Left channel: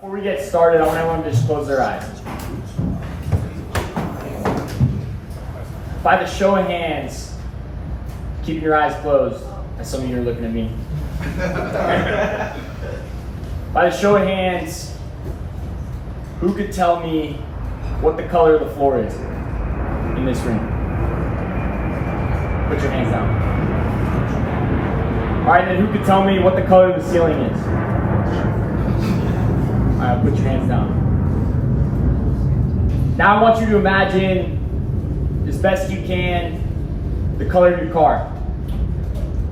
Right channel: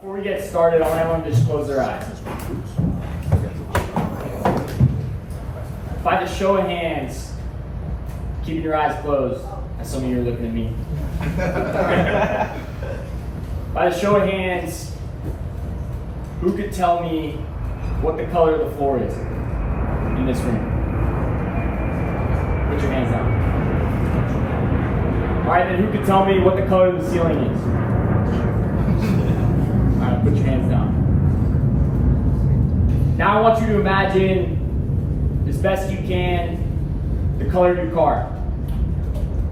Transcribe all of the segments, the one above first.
Before we get started, I want everyone to just close their eyes. By the show of hands, keeping your eyes closed, as some of you are looking at me. By the show of hands, who could tell me what the color of the floor is in this room? Put your hands down. All right, then who could tell me what the color of the ceiling is? All right, put your hands down. Now I want you to imagine, as best you can, the color of your car.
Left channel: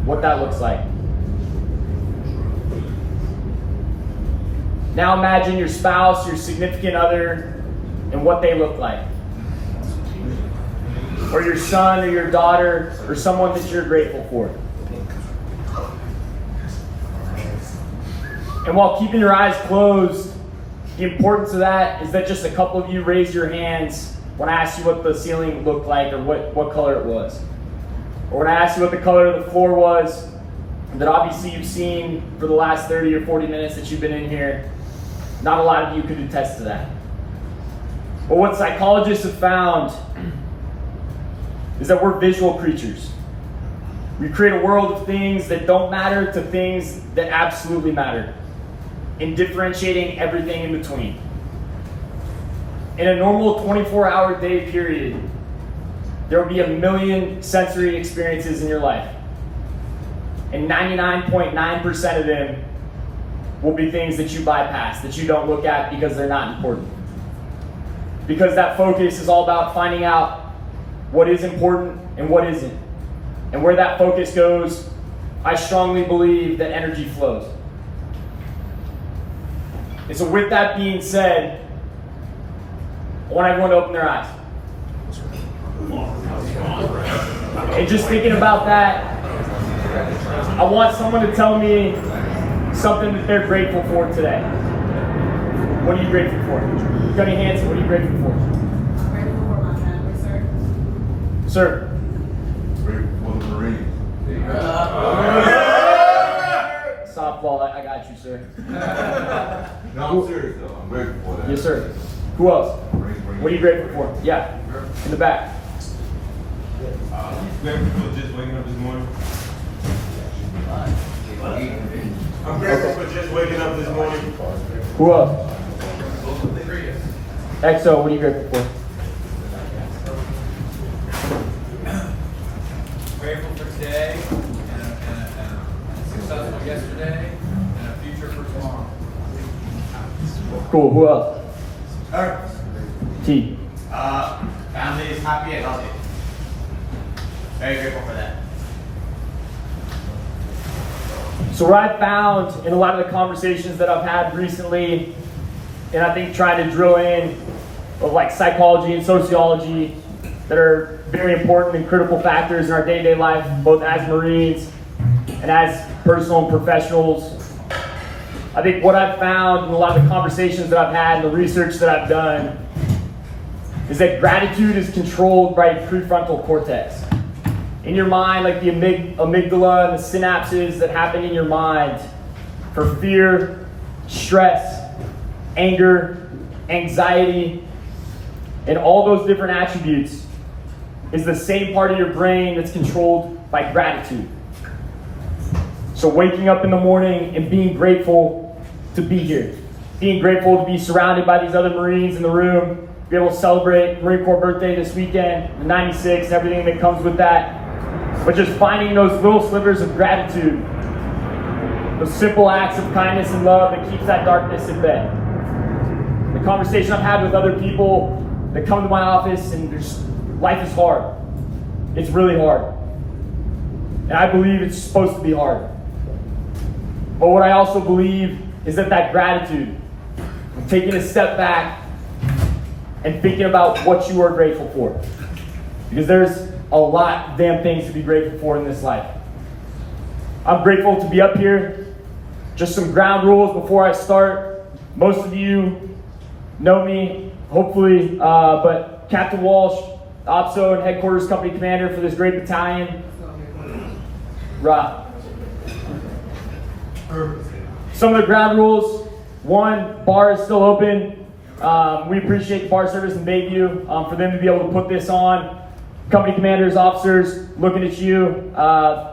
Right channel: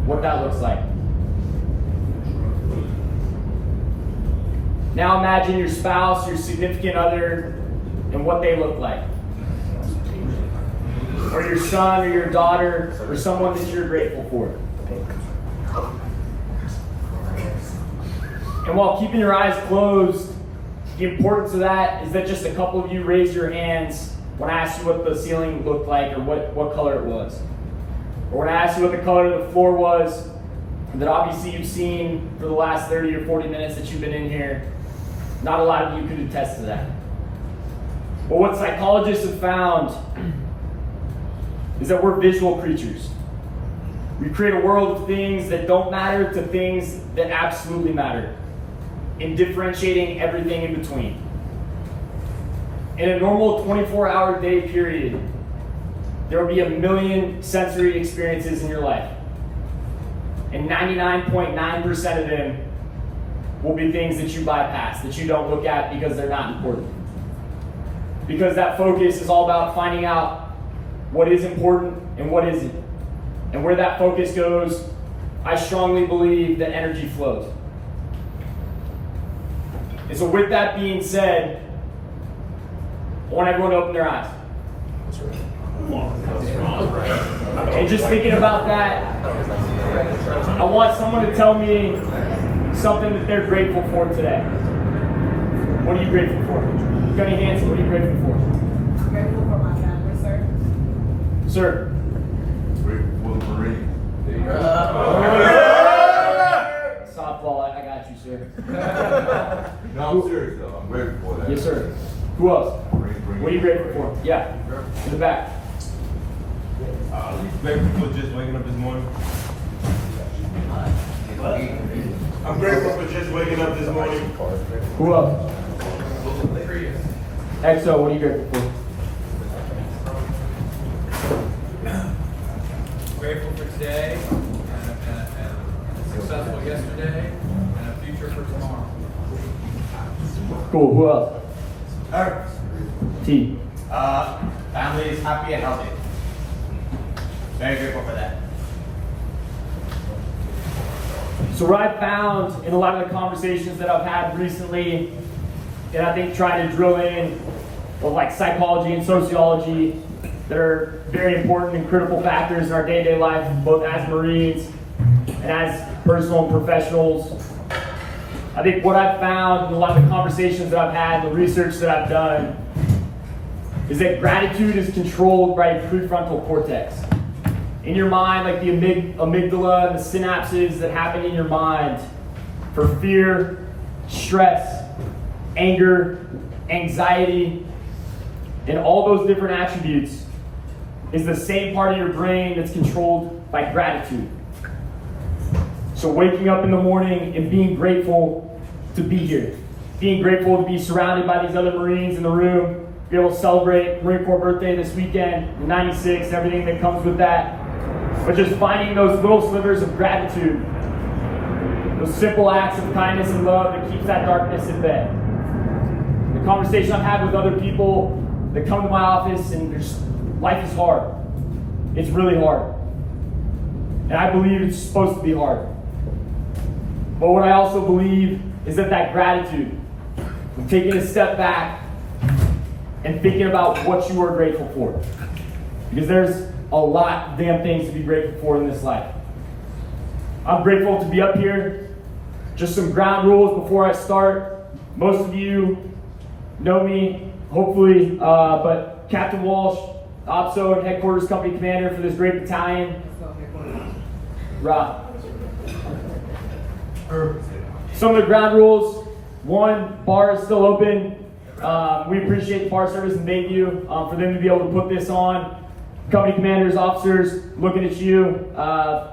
What that looks like. Now imagine your spouse, your significant other, and what they look like. Or your son or your daughter, or someone that you're grateful for. And while keeping your eyes closed, the importance of that is that just a couple of you raised your hands when I asked you what the ceiling looked like or what color it was. Or when I asked you what the color of the floor was, that obviously you've seen for the last 30 or 40 minutes that you've been in here. Not a lot of you could attest to that. But what psychologists have found is that we're visual creatures. We create a world of things that don't matter to things that absolutely matter, and differentiating everything in between. In a normal 24-hour day period, there will be 1 million sensory experiences in your life. And 99.9% of them will be things that you bypass, that you don't look at because they're not important. Because that focus is all about finding out what is important and what isn't. And where that focus goes, I strongly believe that energy flows. And so with that being said, I want everyone to open their eyes. And just thinking about that, I want someone to tell me something that they're grateful for today. What are you grateful for? Got any hands? What are you grateful for? I'm grateful for my family, sir. Sir. Grateful for the Marines. Softball, I got you, sir. No, I'm serious though. I'm grateful for that. Yes, sir. Who else? Marines. What are you grateful for? Yeah, in the back. Grateful for just waking up this morning. I'm grateful for just waking up this morning. Who else? EXO, what are you grateful for? Grateful for today and successful yesterday and a future for tomorrow. Cool, who else? Her. T. Family is happy and healthy. Very grateful for that. So what I've found in a lot of the conversations that I've had recently, and I think trying to drill in of like psychology and sociology that are very important and critical factors in our day-to-day life, both as Marines and as personal and professionals. I think what I've found in a lot of the conversations that I've had and the research that I've done is that gratitude is controlled by the prefrontal cortex. In your mind, like the amygdala and the synapses that happen in your mind for fear, stress, anger, anxiety, and all those different attributes is the same part of your brain that's controlled by gratitude. So waking up in the morning and being grateful to be here, being grateful to be surrounded by these other Marines in the room, be able to celebrate Marine Corps birthday this weekend, 96, everything that comes with that. But just finding those little slivers of gratitude, those simple acts of kindness and love that keeps that darkness at bay. The conversation I've had with other people that come to my office and life is hard. It's really hard. And I believe it's supposed to be hard. But what I also believe is that gratitude, taking a step back and thinking about what you are grateful for. Because there's a lot of damn things to be grateful for in this life. I'm grateful to be up here. Just some ground rules before I start. Most of you know me, hopefully, but Captain Walsh, OPSO and Headquarters Company Commander for this great battalion. Some of the ground rules: One, bar is still open. We appreciate the bar service in Bayview for them to be able to put this on. Company commanders, officers, looking at you.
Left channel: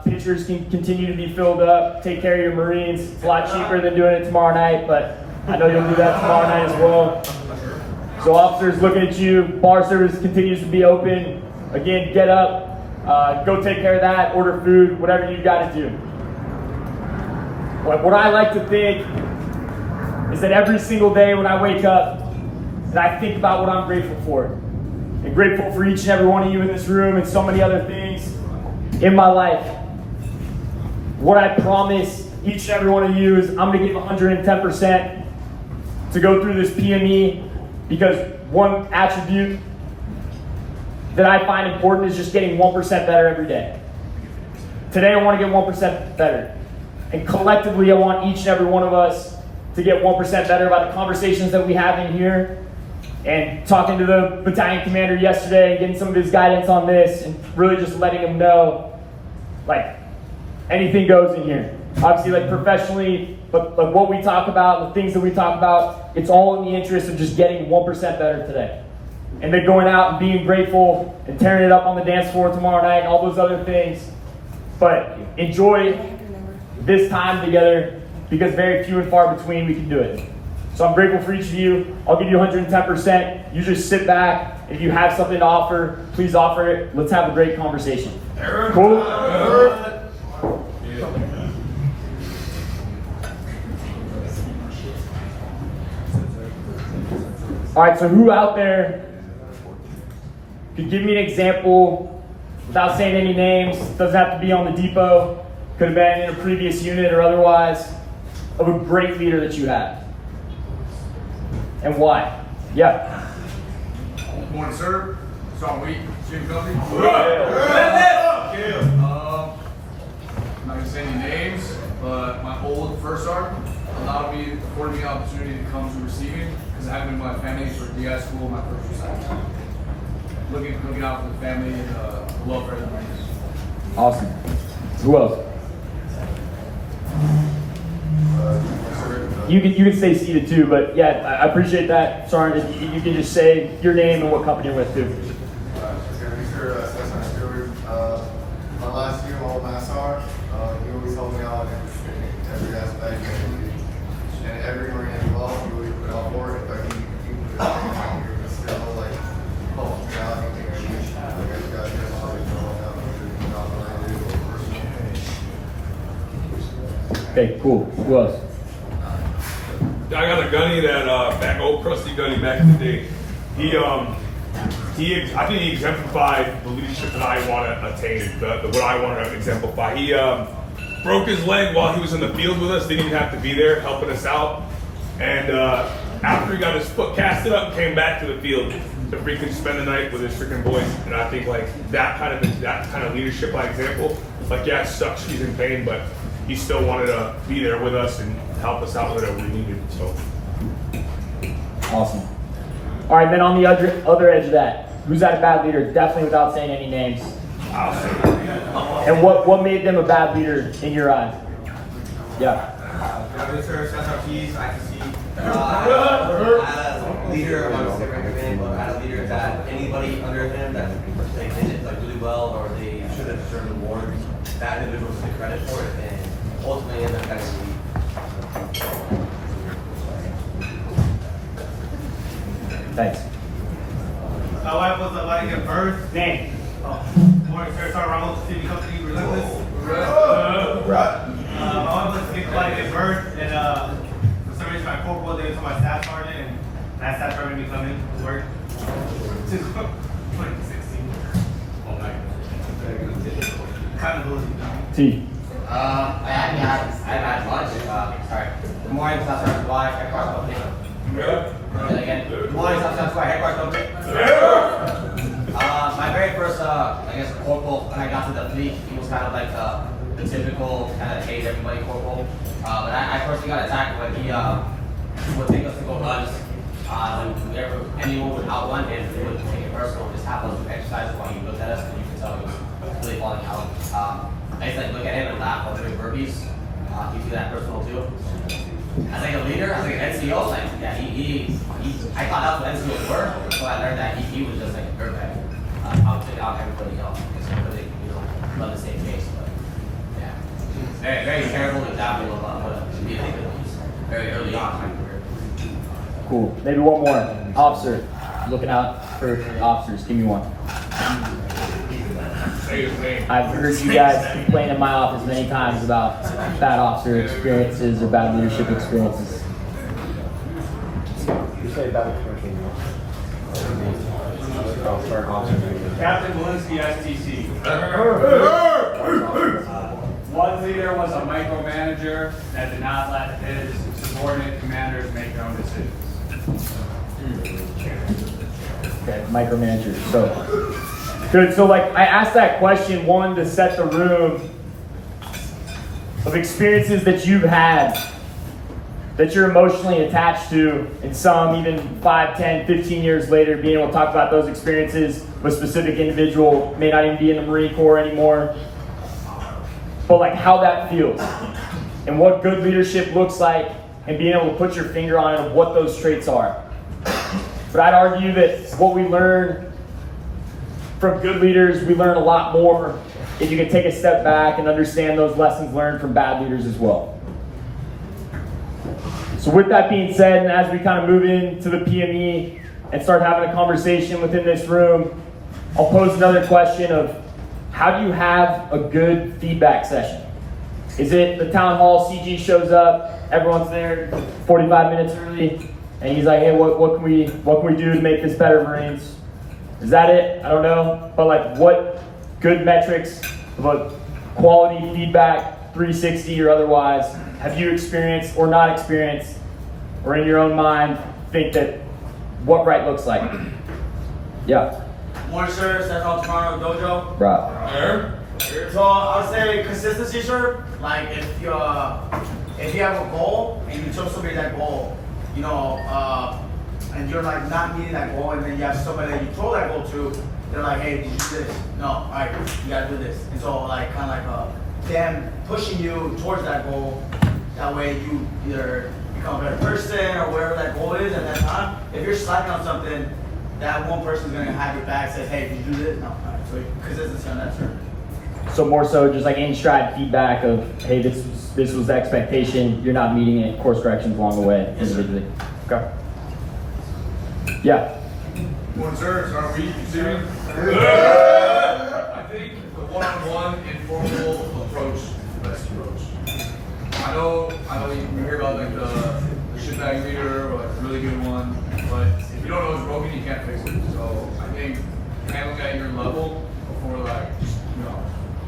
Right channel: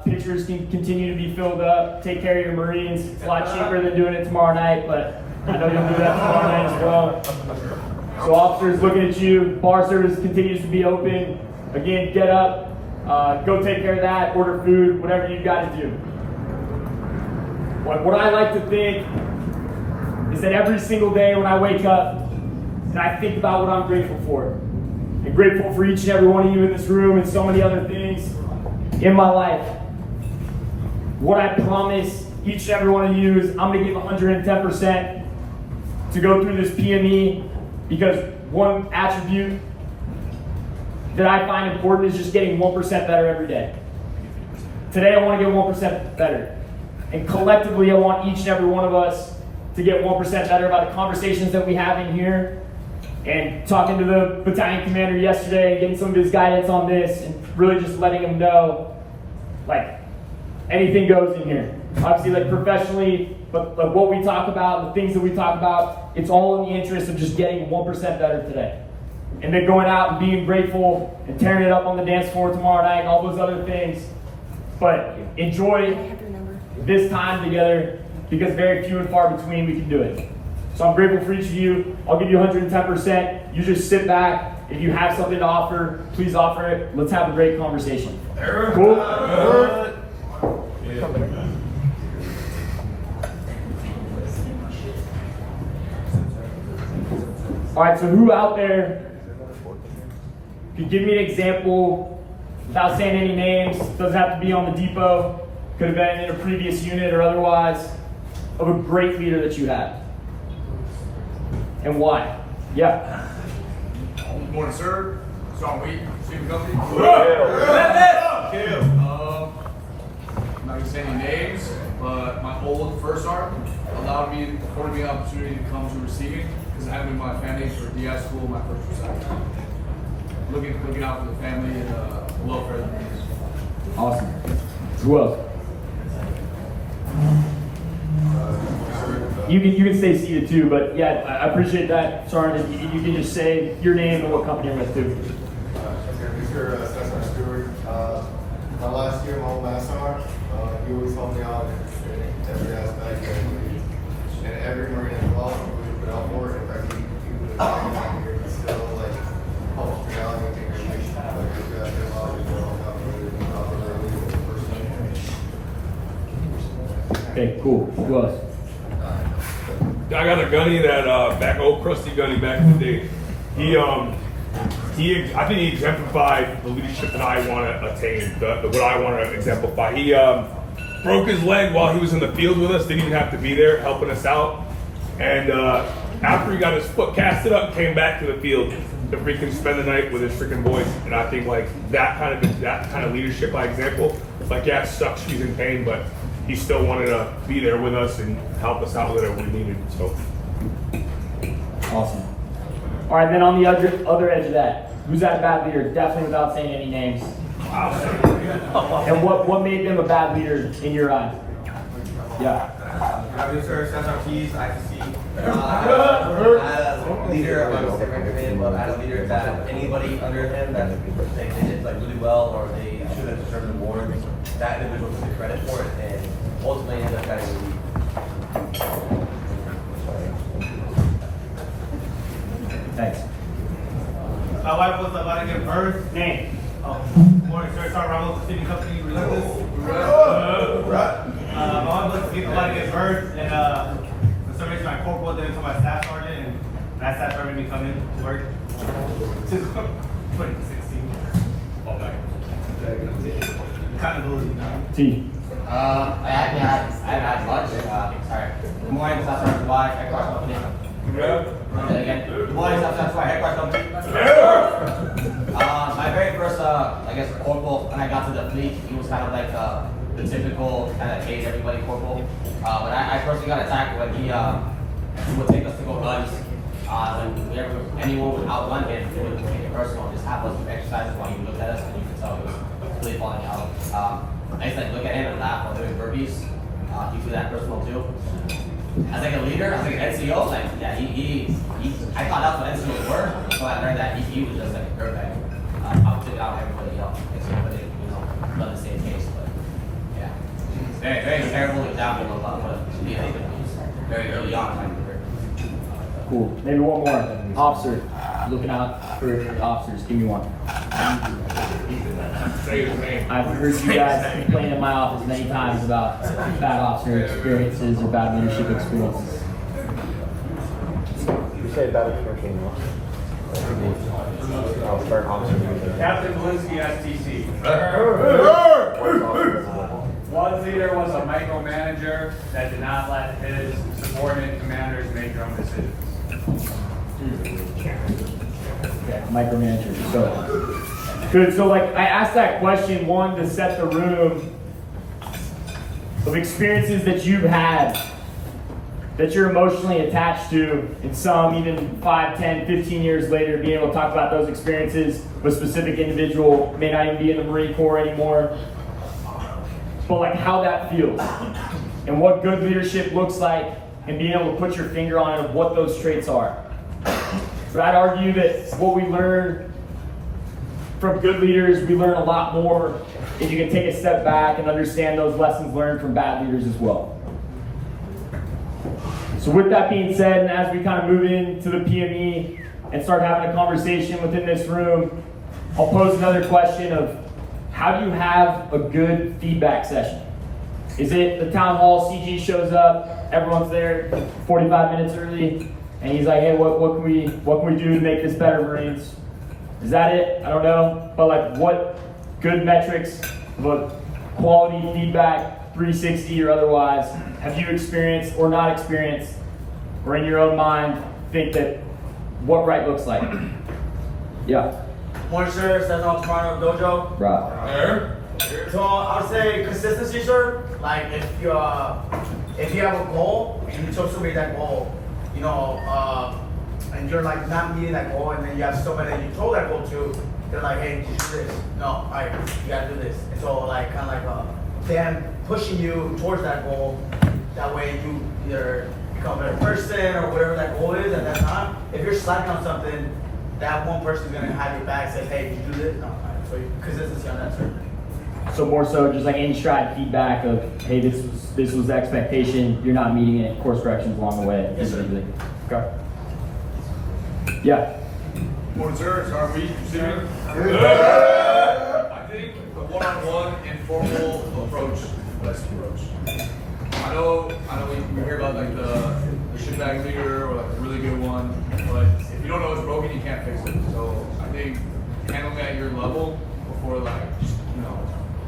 Pitchers can continue to be filled up. Take care of your Marines. It's a lot cheaper than doing it tomorrow night, but I know you'll do that tomorrow night as well. So officers, looking at you. Bar service continues to be open. Again, get up, go take care of that, order food, whatever you've got to do. What I like to think is that every single day when I wake up, that I think about what I'm grateful for. And grateful for each and every one of you in this room and so many other things in my life. What I promise each and every one of you is I'm going to give 110% to go through this PME, because one attribute that I find important is just getting 1% better every day. Today I want to get 1% better. And collectively I want each and every one of us to get 1% better by the conversations that we have in here, and talking to the battalion commander yesterday, getting some of his guidance on this, and really just letting him know, like, anything goes in here. Obviously, like, professionally, but what we talk about, the things that we talk about, it's all in the interest of just getting 1% better today. And then going out and being grateful and tearing it up on the dance floor tomorrow night and all those other things. But enjoy this time together, because very few and far between we can do it. So I'm grateful for each of you. I'll give you 110%. You just sit back. If you have something to offer, please offer it. Let's have a great conversation. Cool? All right, so who out there could give me an example without saying any names? Doesn't have to be on the depot. Could have been in a previous unit or otherwise, of a great leader that you had. And why? Yeah. Good morning, sir. Sean Wheat, Chief Company. I'm not going to say any names, but my old first sergeant afforded me the opportunity to come to receiving, because I haven't been with my family for DI school, my first respect. Looking out for the family and the welfare of the Marines. Awesome. Who else? You can stay seated too, but yeah, I appreciate that, Sergeant. You can just say your name and what company you're with too. My last year, my whole last sergeant, he always helped me out in every aspect, and every Marine as well. We would put out for it. He was still like, help me out. I think I should. Okay, cool. Who else? I got a gunny that old crusty gunny back in the day. I think he exemplified the leadership that I want to attain, what I want to exemplify. He broke his leg while he was in the field with us. Didn't even have to be there helping us out. And after he got his foot casted up, came back to the field to freaking spend the night with his freaking boys. And I think like that kind of leadership by example. Like, yeah, it sucks, he's in pain, but he still wanted to be there with us and help us out whatever we needed. So awesome. All right, then on the other edge of that, who's that bad leader? Definitely without saying any names. And what made them a bad leader in your eyes? Yeah. As a leader, I'm not going to say recommend, but as a leader that anybody under him that they did like really well or they should have deserved an award, that individual should get credit for it and ultimately end up getting the lead. Thanks. My wife was about to give birth. Name. Morning, sir. Sergeant Ramos, City Company, Relentless. My wife was about to give birth, and for some reason my corporal did it to my staff sergeant, and that staff sergeant made me come in to work. Since 2016. Oh, man. Kind of losing. T. I had lunch. Sorry. Good morning, Staff Sergeant Dwight, Headquarters Company. Again. Good morning, Staff Sergeant Dwight, Headquarters Company. My very first, corporal, when I got to the fleet, he was kind of like the typical kind of hate everybody corporal. But I personally got attacked when he would take us to go guns. When anyone would outrun him, he would take it personal and just have us do exercises while he looked at us, and you could tell he was really falling out. I used to look at him and laugh while doing burpees. You do that personal too. as like a leader, as like an NCO, like yeah, I found out what NCOs were, so I learned that he was just like a dirtbag. Up to down everybody else. Because everybody, on the same page. But yeah. Very, very terrible example of what be like very early on in my career. Cool. Maybe one more. Officer. Looking out for officers. Give me one. Say his name. I've heard you guys complain in my office many times about bad officer experiences or bad leadership experiences. You say bad experience, for an officer. Captain Valinsky, STC. One leader was a micromanager that did not let his subordinate commanders make their own decisions. Okay, micromanager. So good. So like I asked that question, one, to set the room of experiences that you've had that you're emotionally attached to, and some even 5, 10, 15 years later being able to talk about those experiences with a specific individual, may not even be in the Marine Corps anymore, but like how that feels and what good leadership looks like, and being able to put your finger on it of what those traits are. But I'd argue that what we learn from good leaders, we learn a lot more if you can take a step back and understand those lessons learned from bad leaders as well. So with that being said, and as we kind of move into the PME and start having a conversation within this room, I'll pose another question of how do you have a good feedback session? Is it the town hall, CG shows up, everyone's there 45 minutes early, and he's like, hey, what can we do to make this better, Marines? Is that it? I don't know. But like what good metrics, what quality feedback, 360 or otherwise, have you experienced or not experienced, or in your own mind think that what right looks like? Yeah. Morning, sir. Stefan Toronto Dojo. Right. So I would say consistency, sir. Like if you have a goal and you tell somebody that goal, you know, and you're like not meeting that goal, and then you have somebody that you told that goal to, they're like, hey, did you do this? No, all right, you gotta do this. And so like kind of like them pushing you towards that goal. That way you either become a better person or whatever that goal is at that time. If you're slacking on something, that one person's gonna have your back, say, hey, did you do this? No, all right. So consistency on that, sir. So more so just like in stride feedback of, hey, this was the expectation, you're not meeting it, course corrections along the way. Yes, sir. Okay. Yeah. Morning, sir. It's our meet. You serious? I think the one-on-one informal approach is the best approach. I know you hear about like the shitbag leader or like a really good one, but if you don't know what's broken, you can't fix it. So I think handling at your level before like just, you know,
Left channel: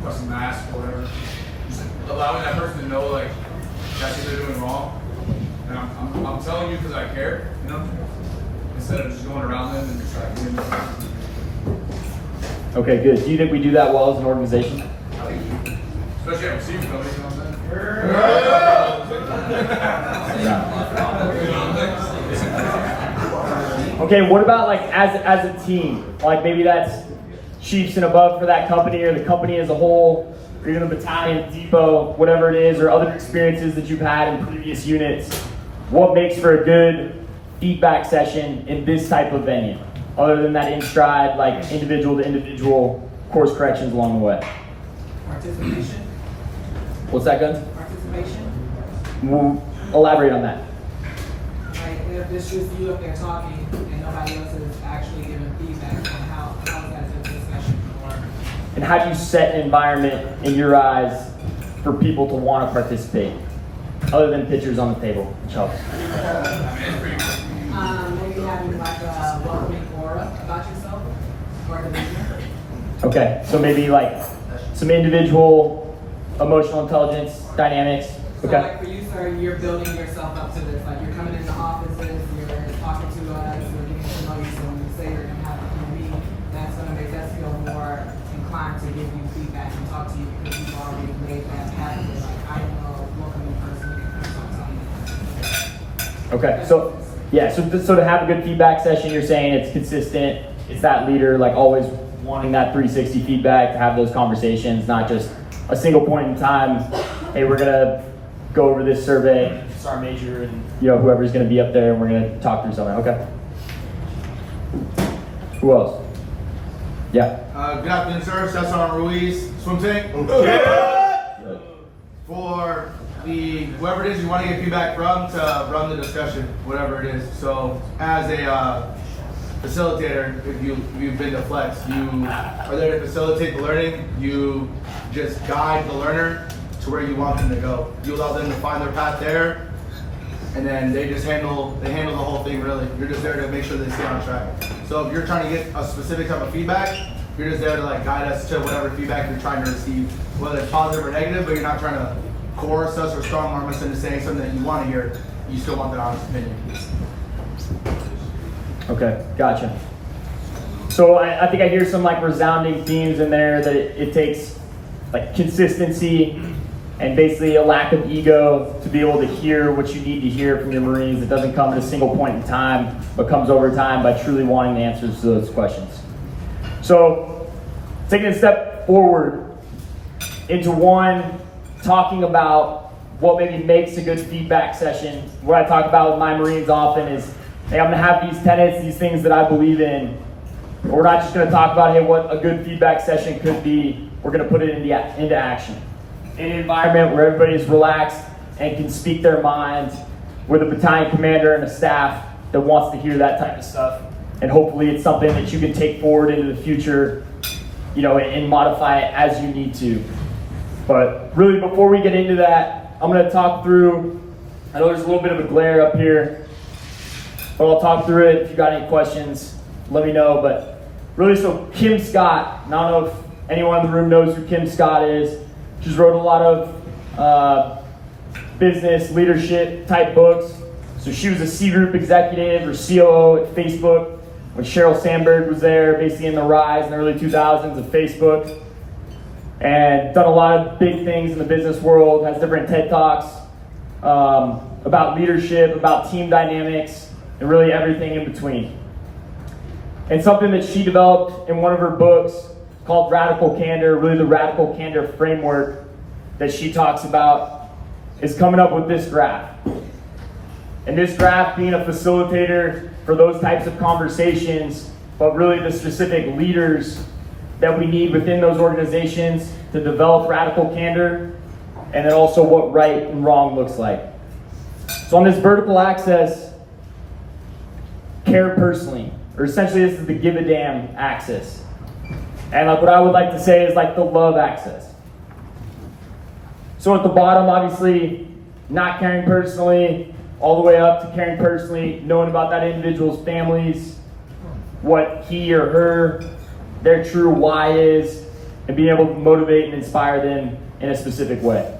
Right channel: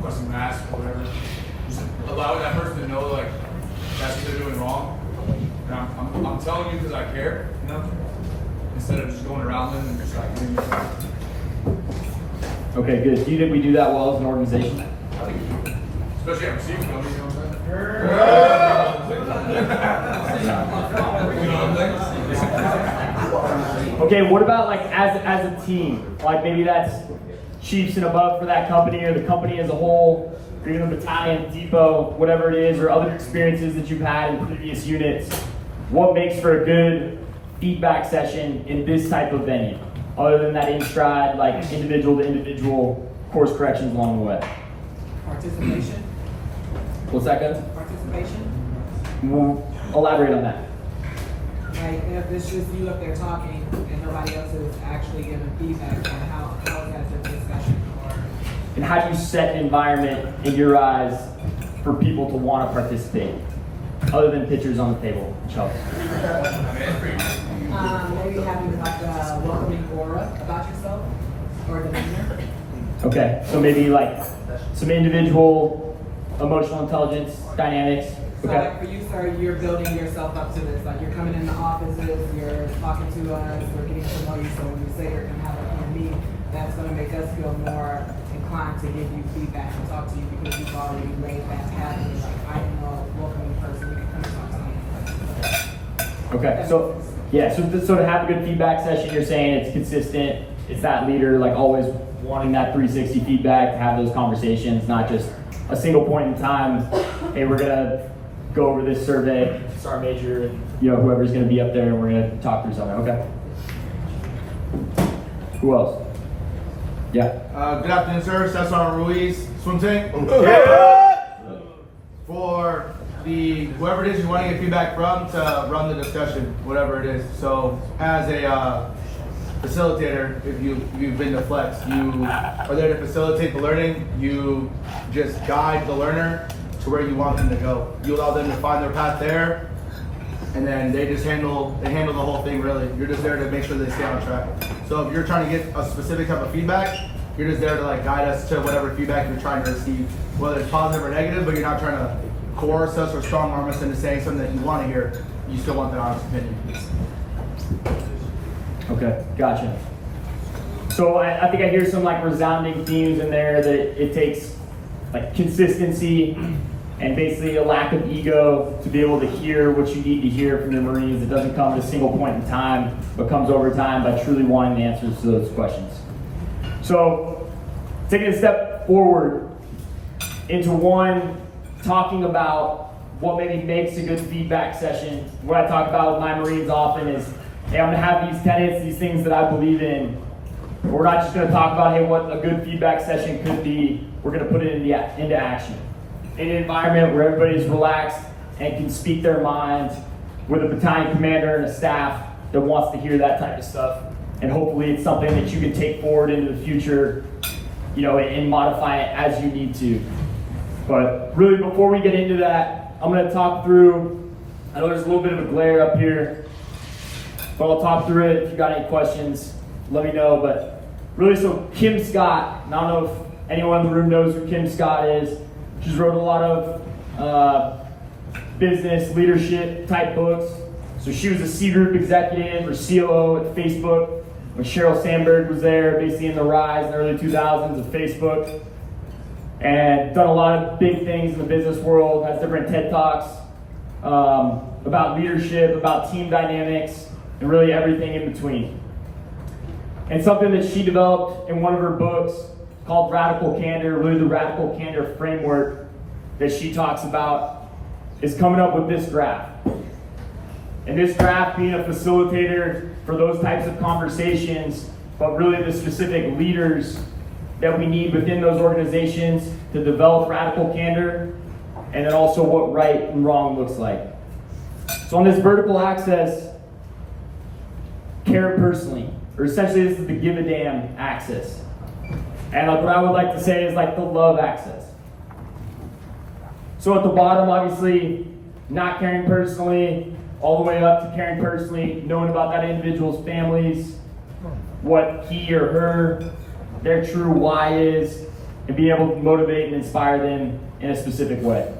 busting mask or whatever, just allowing that person to know like that's what they're doing wrong. And I'm telling you because I care, you know, instead of just going around them and just like doing this. Okay, good. Do you think we do that well as an organization? Especially at receiving companies, you know what I'm saying? Okay, what about like as a team? Like maybe that's chiefs and above for that company, or the company as a whole, or even the battalion, depot, whatever it is, or other experiences that you've had in previous units. What makes for a good feedback session in this type of venue? Other than that in stride, like individual to individual course corrections along the way. Participation. What's that, good? Participation. We'll elaborate on that. Like if it's just you up there talking and nobody else is actually giving feedback on how is that a discussion? And how do you set an environment in your eyes for people to want to participate? Other than pictures on the table, which helps. Maybe having like a welcoming aura about yourself or the leader. Okay, so maybe like some individual emotional intelligence dynamics. So Okay. like for you, sir, you're building yourself up to this. Like you're coming into offices, you're talking to us, we're getting to know you. So when you say you're going to have a meeting, that's going to make us feel more inclined to give you feedback and talk to you because you've already made that happen. Like I don't know, a welcoming person, we can come and talk to you. Okay, so yeah, so to have a good feedback session, you're saying it's consistent, it's that leader, like always wanting that 360 feedback, to have those conversations, not just a single point in time, hey, we're gonna go over this survey, Sergeant Major and whoever's going to be up there, and we're going to talk through something. Okay. Who else? Yeah. Good afternoon, sir. Staff Sergeant Ruiz, swim tank. For whoever it is you want to get feedback from to run the discussion, whatever it is. So as a facilitator, if you've been to Flex, you are there to facilitate the learning. You just guide the learner to where you want them to go. You allow them to find their path there, and then they handle the whole thing really. You're just there to make sure they stay on track. So if you're trying to get a specific type of feedback, you're just there to guide us to whatever feedback you're trying to receive, whether it's positive or negative, but you're not trying to coerce us or strong arm us into saying something that you want to hear. You still want that honest opinion. Okay, gotcha. So I think I hear some resounding themes in there that it takes consistency and basically a lack of ego to be able to hear what you need to hear from your Marines. It doesn't come at a single point in time, but comes over time by truly wanting the answers to those questions. So taking a step forward into talking about what maybe makes a good feedback session. What I talk about with my Marines often is, hey, I'm going to have these tenets, these things that I believe in. We're not just going to talk about, hey, what a good feedback session could be. We're going to put it into action. In an environment where everybody is relaxed and can speak their mind, with a battalion commander and a staff that wants to hear that type of stuff. And hopefully it's something that you can take forward into the future, and modify it as you need to. But really, before we get into that, I'm going to talk through, I know there's a little bit of a glare up here, but I'll talk through it. If you got any questions, let me know. But really, so Kim Scott, I don't know if anyone in the room knows who Kim Scott is. She's wrote a lot of business, leadership type books. So she was a C Group executive or COO at Facebook when Sheryl Sandberg was there, basically in the rise in the early 2000s of Facebook. And done a lot of big things in the business world, has different TED Talks about leadership, about team dynamics, and really everything in between. And something that she developed in one of her books called Radical Candor, really the Radical Candor framework that she talks about, is coming up with this graph. And this graph being a facilitator for those types of conversations, but really the specific leaders that we need within those organizations to develop radical candor, and then also what right and wrong looks like. So on this vertical axis, care personally, or essentially this is the give a damn axis. And what I would like to say is the love axis. So at the bottom, obviously, not caring personally, all the way up to caring personally, knowing about that individual's families, what he or her, their true why is, and being able to motivate and inspire them in a specific way.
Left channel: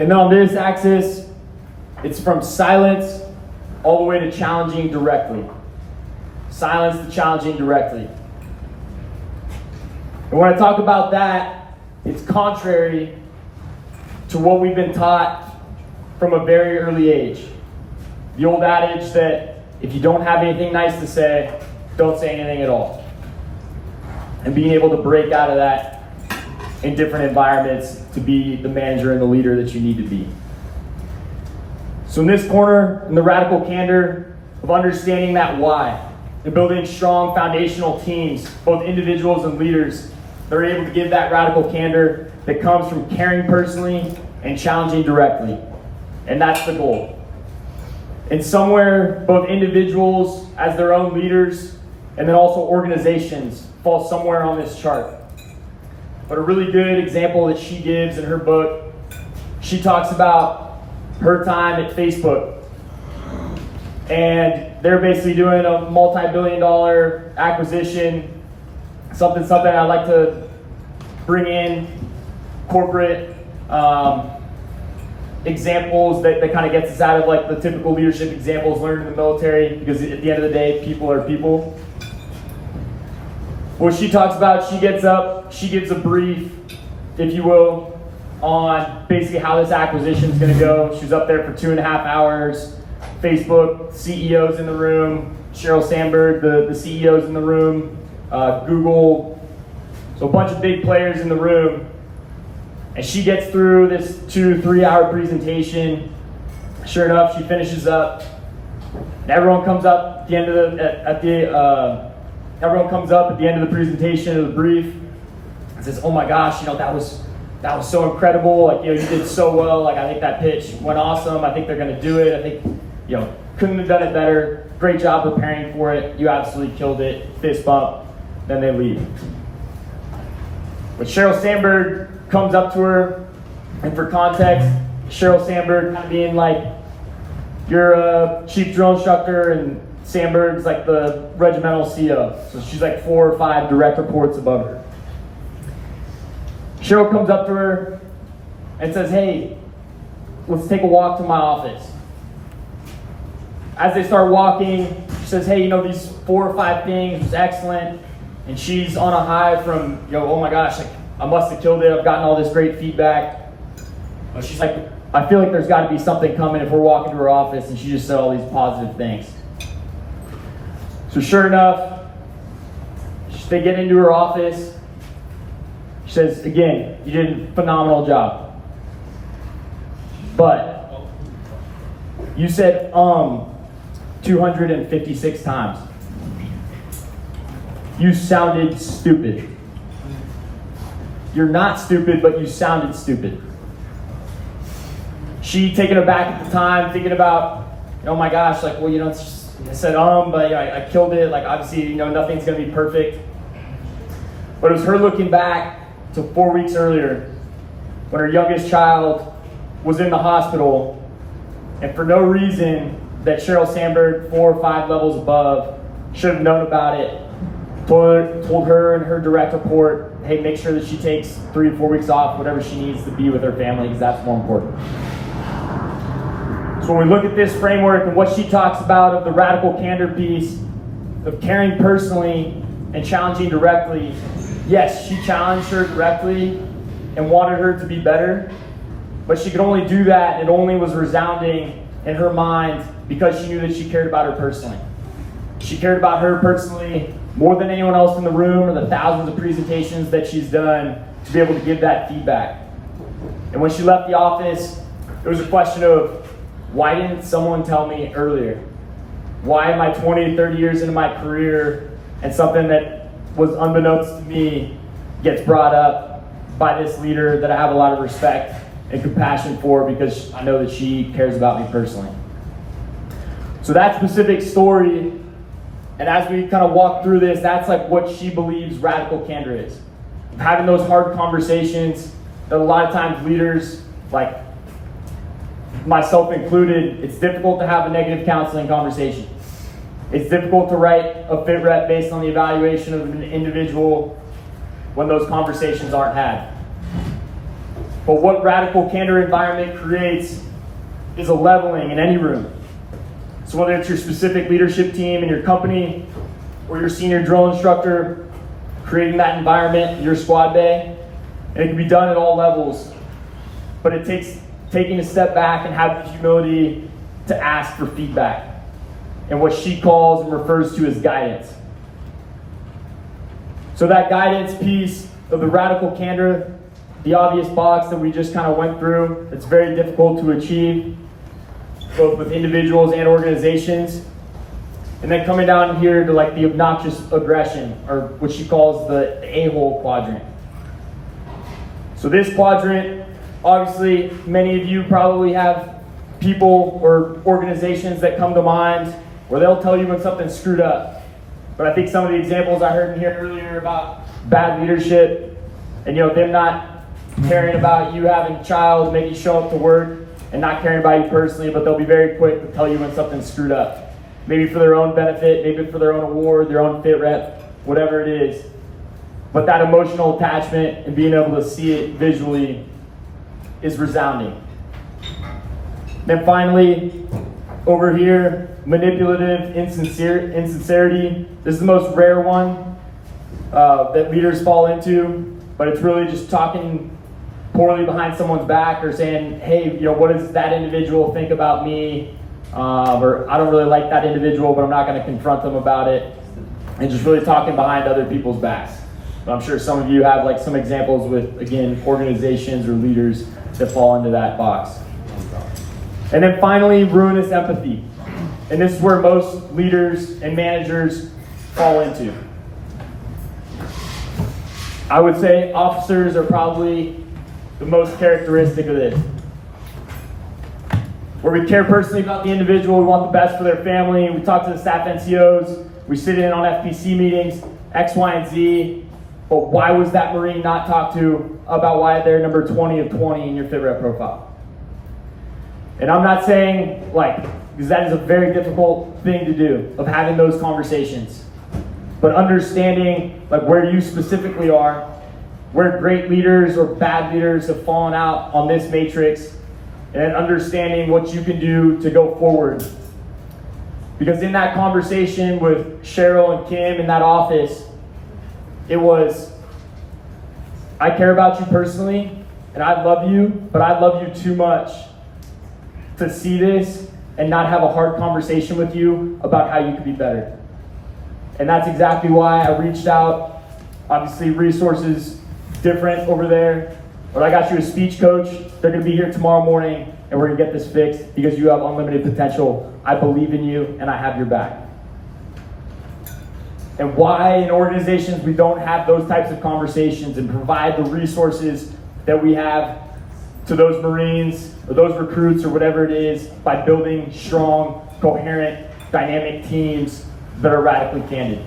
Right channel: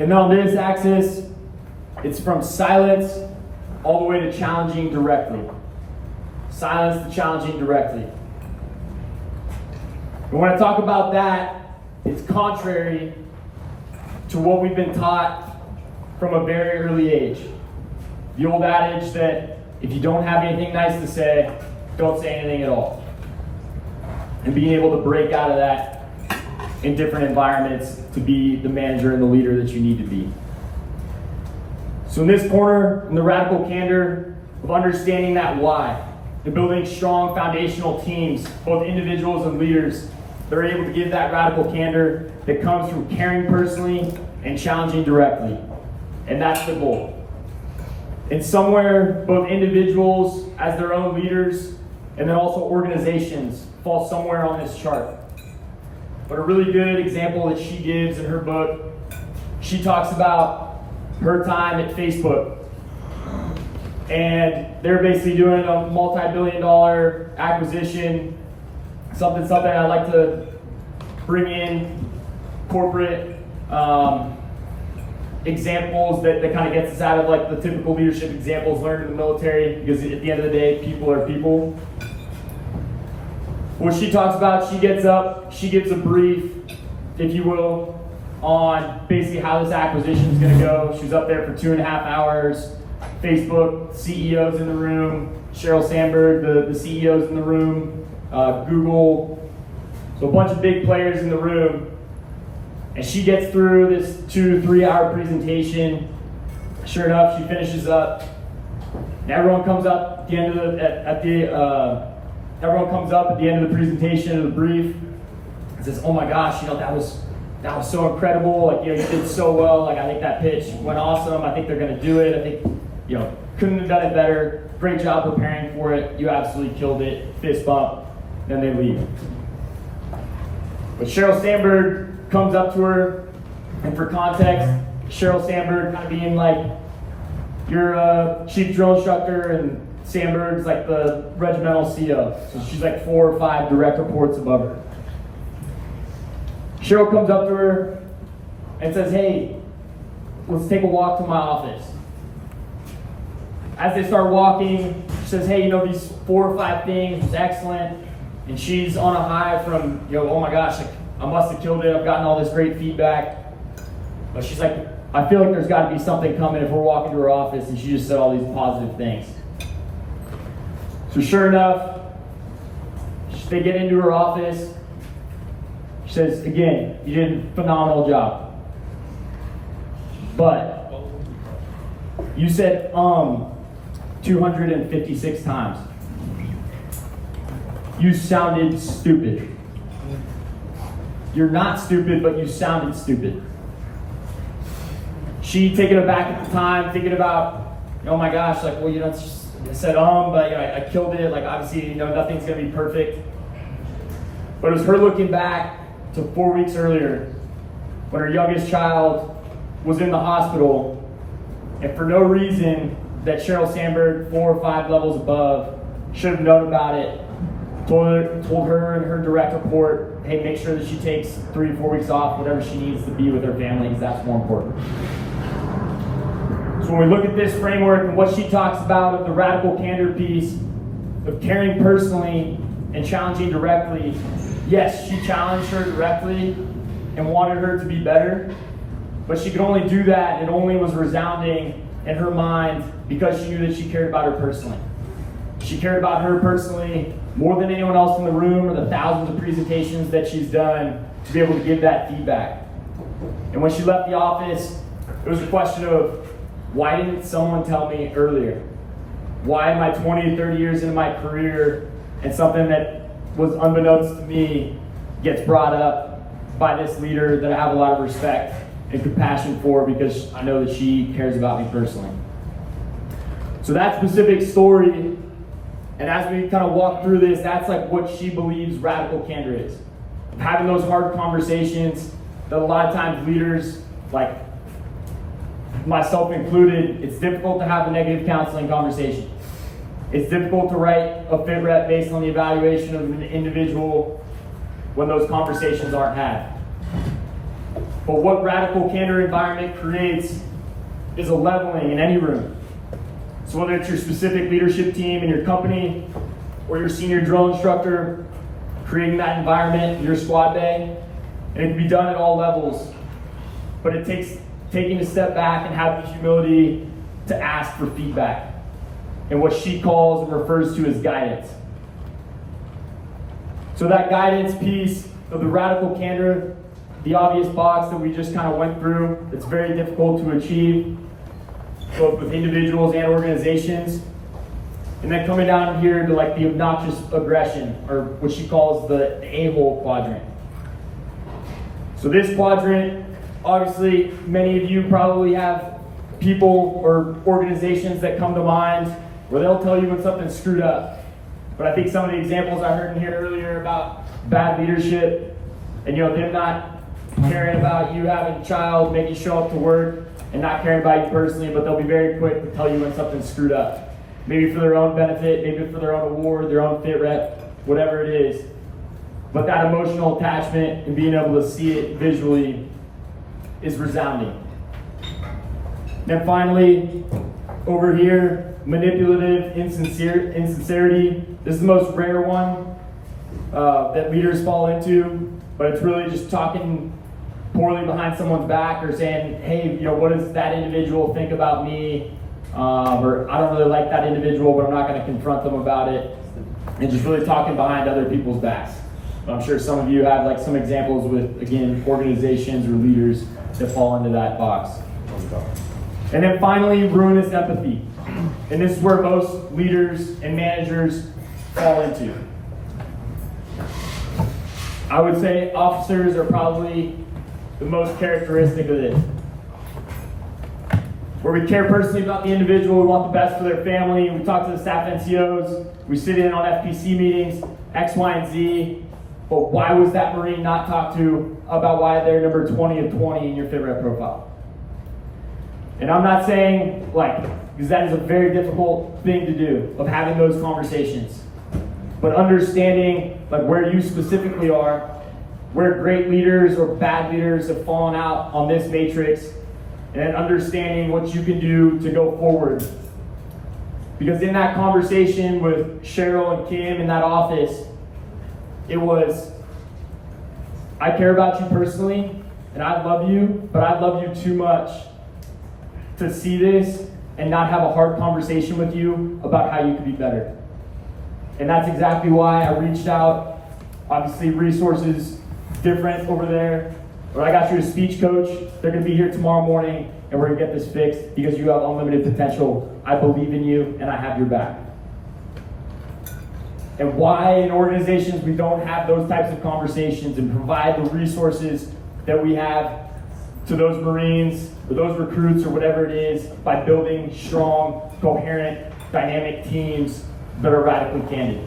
And then on this axis, it's from silence all the way to challenging directly. Silence to challenging directly. And when I talk about that, it's contrary to what we've been taught from a very early age. The old adage that if you don't have anything nice to say, don't say anything at all. And being able to break out of that in different environments to be the manager and the leader that you need to be. So in this corner, in the radical candor of understanding that why, and building strong foundational teams, both individuals and leaders, that are able to give that radical candor that comes from caring personally and challenging directly. And that's the goal. And somewhere, both individuals as their own leaders, and then also organizations fall somewhere on this chart. But a really good example that she gives in her book, she talks about her time at Facebook. And they're basically doing a multi-billion-dollar acquisition, something I like to bring in corporate examples that kind of gets us out of the typical leadership examples learned in the military, because at the end of the day, people are people. What she talks about, she gets up, she gives a brief, if you will, on basically how this acquisition is going to go. She's up there for 2.5 hours. Facebook CEO's in the room, Sheryl Sandberg, the CEO's in the room, Google, so a bunch of big players in the room. And she gets through this 2-3 hour presentation Sure enough, she finishes up. And everyone comes up at the end of everyone comes up at the end of the presentation of the brief and says, "Oh my gosh, that was so incredible. Like, you did so well. Like, I think that pitch went awesome. I think they're going to do it. I think, couldn't have done it better. Great job preparing for it. You absolutely killed it." Fist bump. Then they leave. But Sheryl Sandberg comes up to her, and for context, Sheryl Sandberg kind of being like, you're a chief drill instructor, and Sandberg's like the regimental CO. So she's like 4 or 5 direct reports above her. Sheryl comes up to her and says, "Hey, let's take a walk to my office." As they start walking, she says, "Hey, these 4 or 5 things was excellent." And she's on a high from, "Oh my gosh, like, I must have killed it. I've gotten all this great feedback." But she's like, "I feel like there's got to be something coming if we're walking to her office," and she just said all these positive things. So sure enough, they get into her office. She says, "Again, you did a phenomenal job. But you said 256 times. You sounded stupid. You're not stupid, but you sounded stupid." She, taken aback at the time, thinking about, "Oh my gosh, like, well, I said, but I killed it. Like, obviously, nothing's going to be perfect." But it was her looking back to 4 weeks earlier when her youngest child was in the hospital, and for no reason that Sheryl Sandberg, 4 or 5 levels above, should have known about it, told her and her direct report, "Hey, make sure that she takes 3 to 4 weeks off, whatever she needs to be with her family, because that's more important." So when we look at this framework and what she talks about of the radical candor piece, of caring personally and challenging directly, yes, she challenged her directly and wanted her to be better, but she could only do that, and it only was resounding in her mind because she knew that she cared about her personally. She cared about her personally more than anyone else in the room, or the thousands of presentations that she's done, to be able to give that feedback. And when she left the office, it was a question of, why didn't someone tell me earlier? Why am I 20, 30 years into my career, and something that was unbeknownst to me gets brought up by this leader that I have a lot of respect and compassion for, because I know that she cares about me personally. So that specific story, and as we kind of walk through this, that's like what she believes radical candor is. Having those hard conversations that a lot of times leaders, like myself included, it's difficult to have a negative counseling conversation. It's difficult to write a fit rep based on the evaluation of an individual when those conversations aren't had. But what radical candor environment creates is a leveling in any room. So whether it's your specific leadership team in your company or your senior drill instructor, creating that environment in your squad bay, and it can be done at all levels. But it takes taking a step back and having the humility to ask for feedback and what she calls and refers to as guidance. So that guidance piece of the radical candor, the obvious box that we just kind of went through, it's very difficult to achieve, both with individuals and organizations. And then coming down here to like the obnoxious aggression, or what she calls the a-hole quadrant. So this quadrant, obviously, many of you probably have people or organizations that come to mind where they'll tell you when something's screwed up. But I think some of the examples I heard in here earlier about bad leadership and them not caring about you having a child, maybe show up to work and not caring about you personally, but they'll be very quick to tell you when something's screwed up. Maybe for their own benefit, maybe for their own award, their own fit rep, whatever it is. But that emotional attachment and being able to see it visually is resounding. Then finally, over here, manipulative insincerity. This is the most rare one that leaders fall into, but it's really just talking poorly behind someone's back, or saying, "Hey, what does that individual think about me?" Or "I don't really like that individual, but I'm not going to confront them about it." And just really talking behind other people's backs. But I'm sure some of you have like some examples with, again, organizations or leaders that fall into that box. And then finally, ruinous empathy. And this is where most leaders and managers fall into. I would say officers are probably the most characteristic of this. Where we care personally about the individual, we want the best for their family, we talk to the staff NCOs, we sit in on FPC meetings, X, Y, and Z, but why was that Marine not talked to about why they're number 20 of 20 in your fit rep profile? And I'm not saying, because that is a very difficult thing to do, of having those conversations. But understanding where you specifically are, where great leaders or bad leaders have fallen out on this matrix, and then understanding what you can do to go forward. Because in that conversation with Cheryl and Kim in that office, it was, I care about you personally, and I love you, but I love you too much to see this and not have a hard conversation with you about how you could be better. And that's exactly why I reached out. Obviously, resources different over there. But I got you a speech coach. They're going to be here tomorrow morning, and we're going to get this fixed because you have unlimited potential. I believe in you, and I have your back. And why in organizations we don't have those types of conversations and provide the resources that we have to those Marines or those recruits or whatever it is by building strong, coherent, dynamic teams that are radically candid.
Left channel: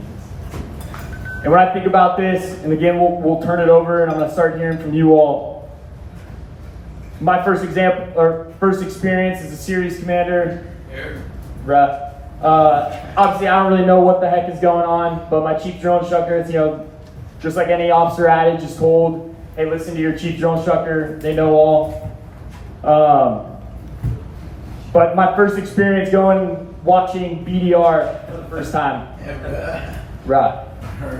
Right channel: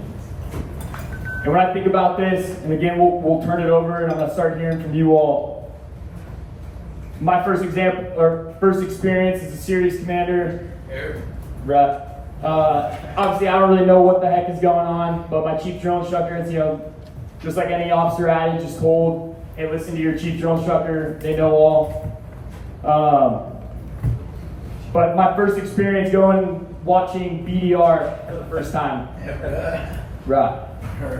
And when I think about this, and again, we'll turn it over and I'm gonna start hearing from you all. My first experience as a series commander, obviously I don't really know what the heck is going on, but my chief drill instructor, it's, just like any officer adage is told, hey, listen to your chief drill instructor, they know all. But my first experience watching BDR for the first time. Right.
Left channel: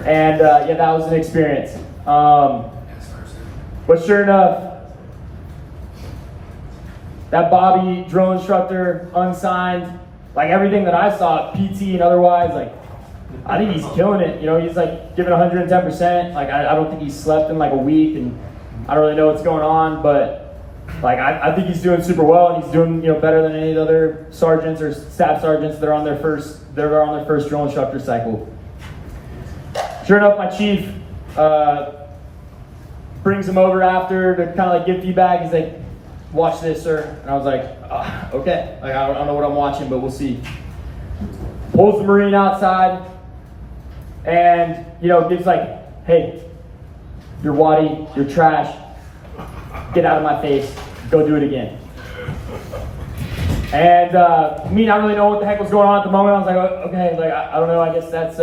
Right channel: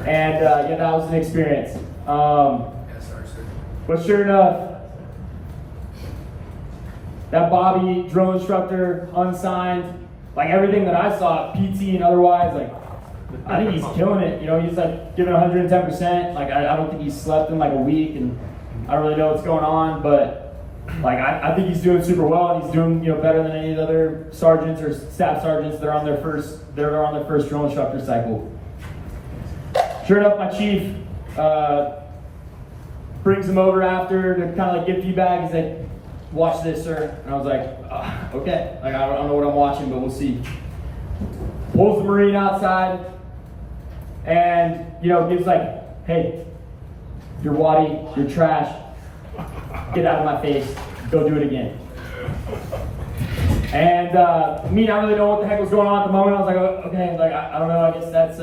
And that was an experience. But sure enough, that Bobby drill instructor, unsigned, everything that I saw, PT and otherwise, I think he's killing it. He's giving 110%. I don't think he's slept in a week, and I don't really know what's going on, but I think he's doing super well, and he's doing better than any of the other sergeants or staff sergeants that are on their first drill instructor cycle. Sure enough, my chief brings him over after to kind of give feedback. He's like, "Watch this, sir." And I was like, "Okay." I don't know what I'm watching, but we'll see. Pulls the Marine outside, and gives "Hey, you're waddy, you're trash. Get out of my face. Go do it again." And me not really know what the heck was going on at the moment. I was like, "Okay." I don't know. I guess that's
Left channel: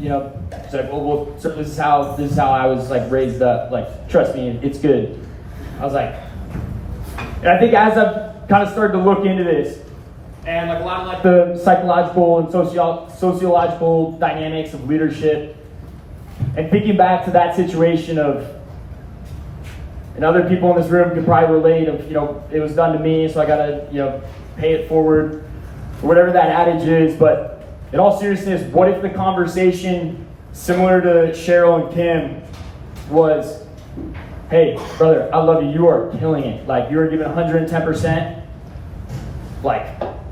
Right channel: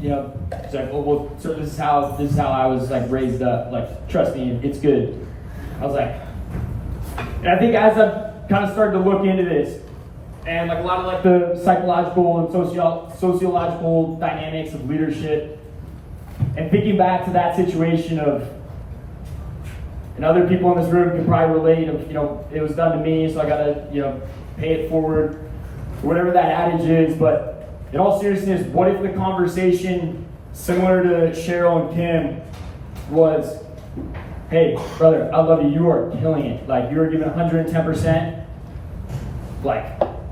She's like, "Well, so this is how I was raised up. Trust me, it's good." I was like, and I think as I've kind of started to look into this, and a lot of the psychological and sociological dynamics of leadership, and thinking back to that situation of, and other people in this room can probably relate of, it was done to me, so I gotta, pay it forward, or whatever that adage is. But in all seriousness, what if the conversation, similar to Cheryl and Kim, was, "Hey, brother, I love you. You are killing it. You're giving 110%.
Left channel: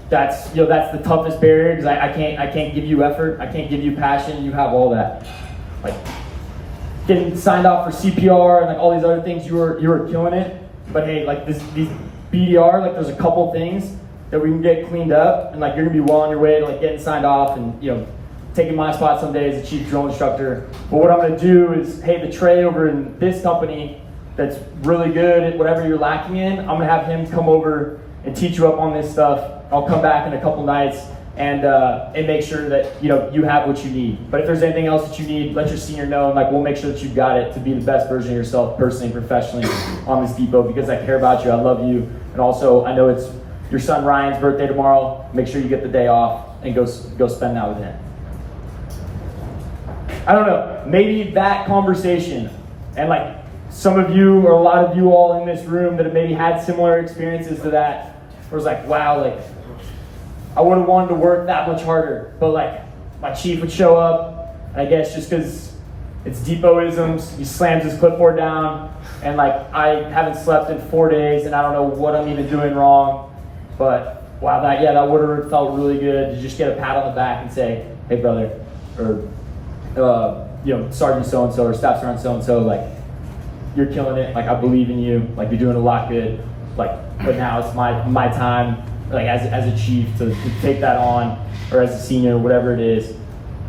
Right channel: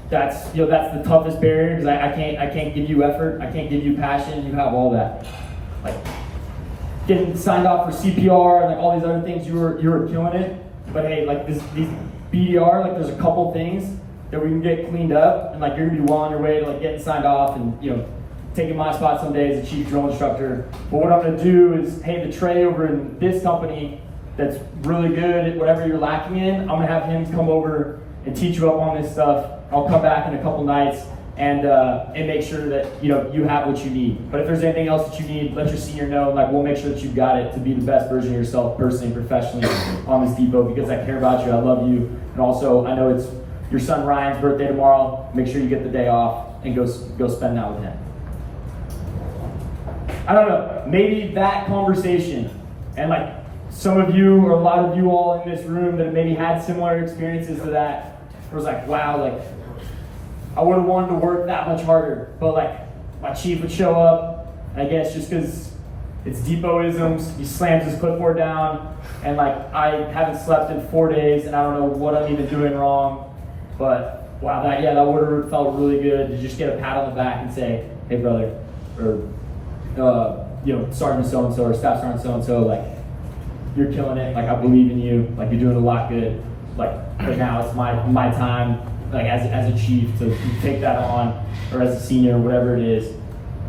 That's that's the toughest barrier because I can't give you effort. I can't give you passion. You have all that. Getting signed off for CPR and all these other things. You were killing it. But hey, these BDR, there's a couple things that we can get cleaned up, and you're gonna be well on your way to getting signed off and taking my spot someday as a chief drill instructor. But what I'm gonna do is, hey, the Trey over in this company that's really good at whatever you're lacking in, I'm gonna have him come over and teach you up on this stuff. I'll come back in a couple nights and make sure that you have what you need. But if there's anything else that you need, let your senior know, and we'll make sure that you've got it to be the best version of yourself personally and professionally on this depot, because I care about you, I love you, and also I know it's your son Ryan's birthday tomorrow. Make sure you get the day off and go spend that with him." I don't know, maybe that conversation, and some of you or a lot of you all in this room that have maybe had similar experiences to that, was wow, I would have wanted to work that much harder, but my chief would show up, and I guess just because it's depot-isms, he slams his clipboard down, and I haven't slept in 4 days, and I don't know what I'm even doing wrong, But wow, that order felt really good to just get a pat on the back and say, hey brother, or Sergeant so-and-so or Staff Sergeant so-and-so, like, you're killing it, like I believe in you, like you're doing a lot good, like, but now it's my time, like as a chief to take that on, or as a senior, whatever it is,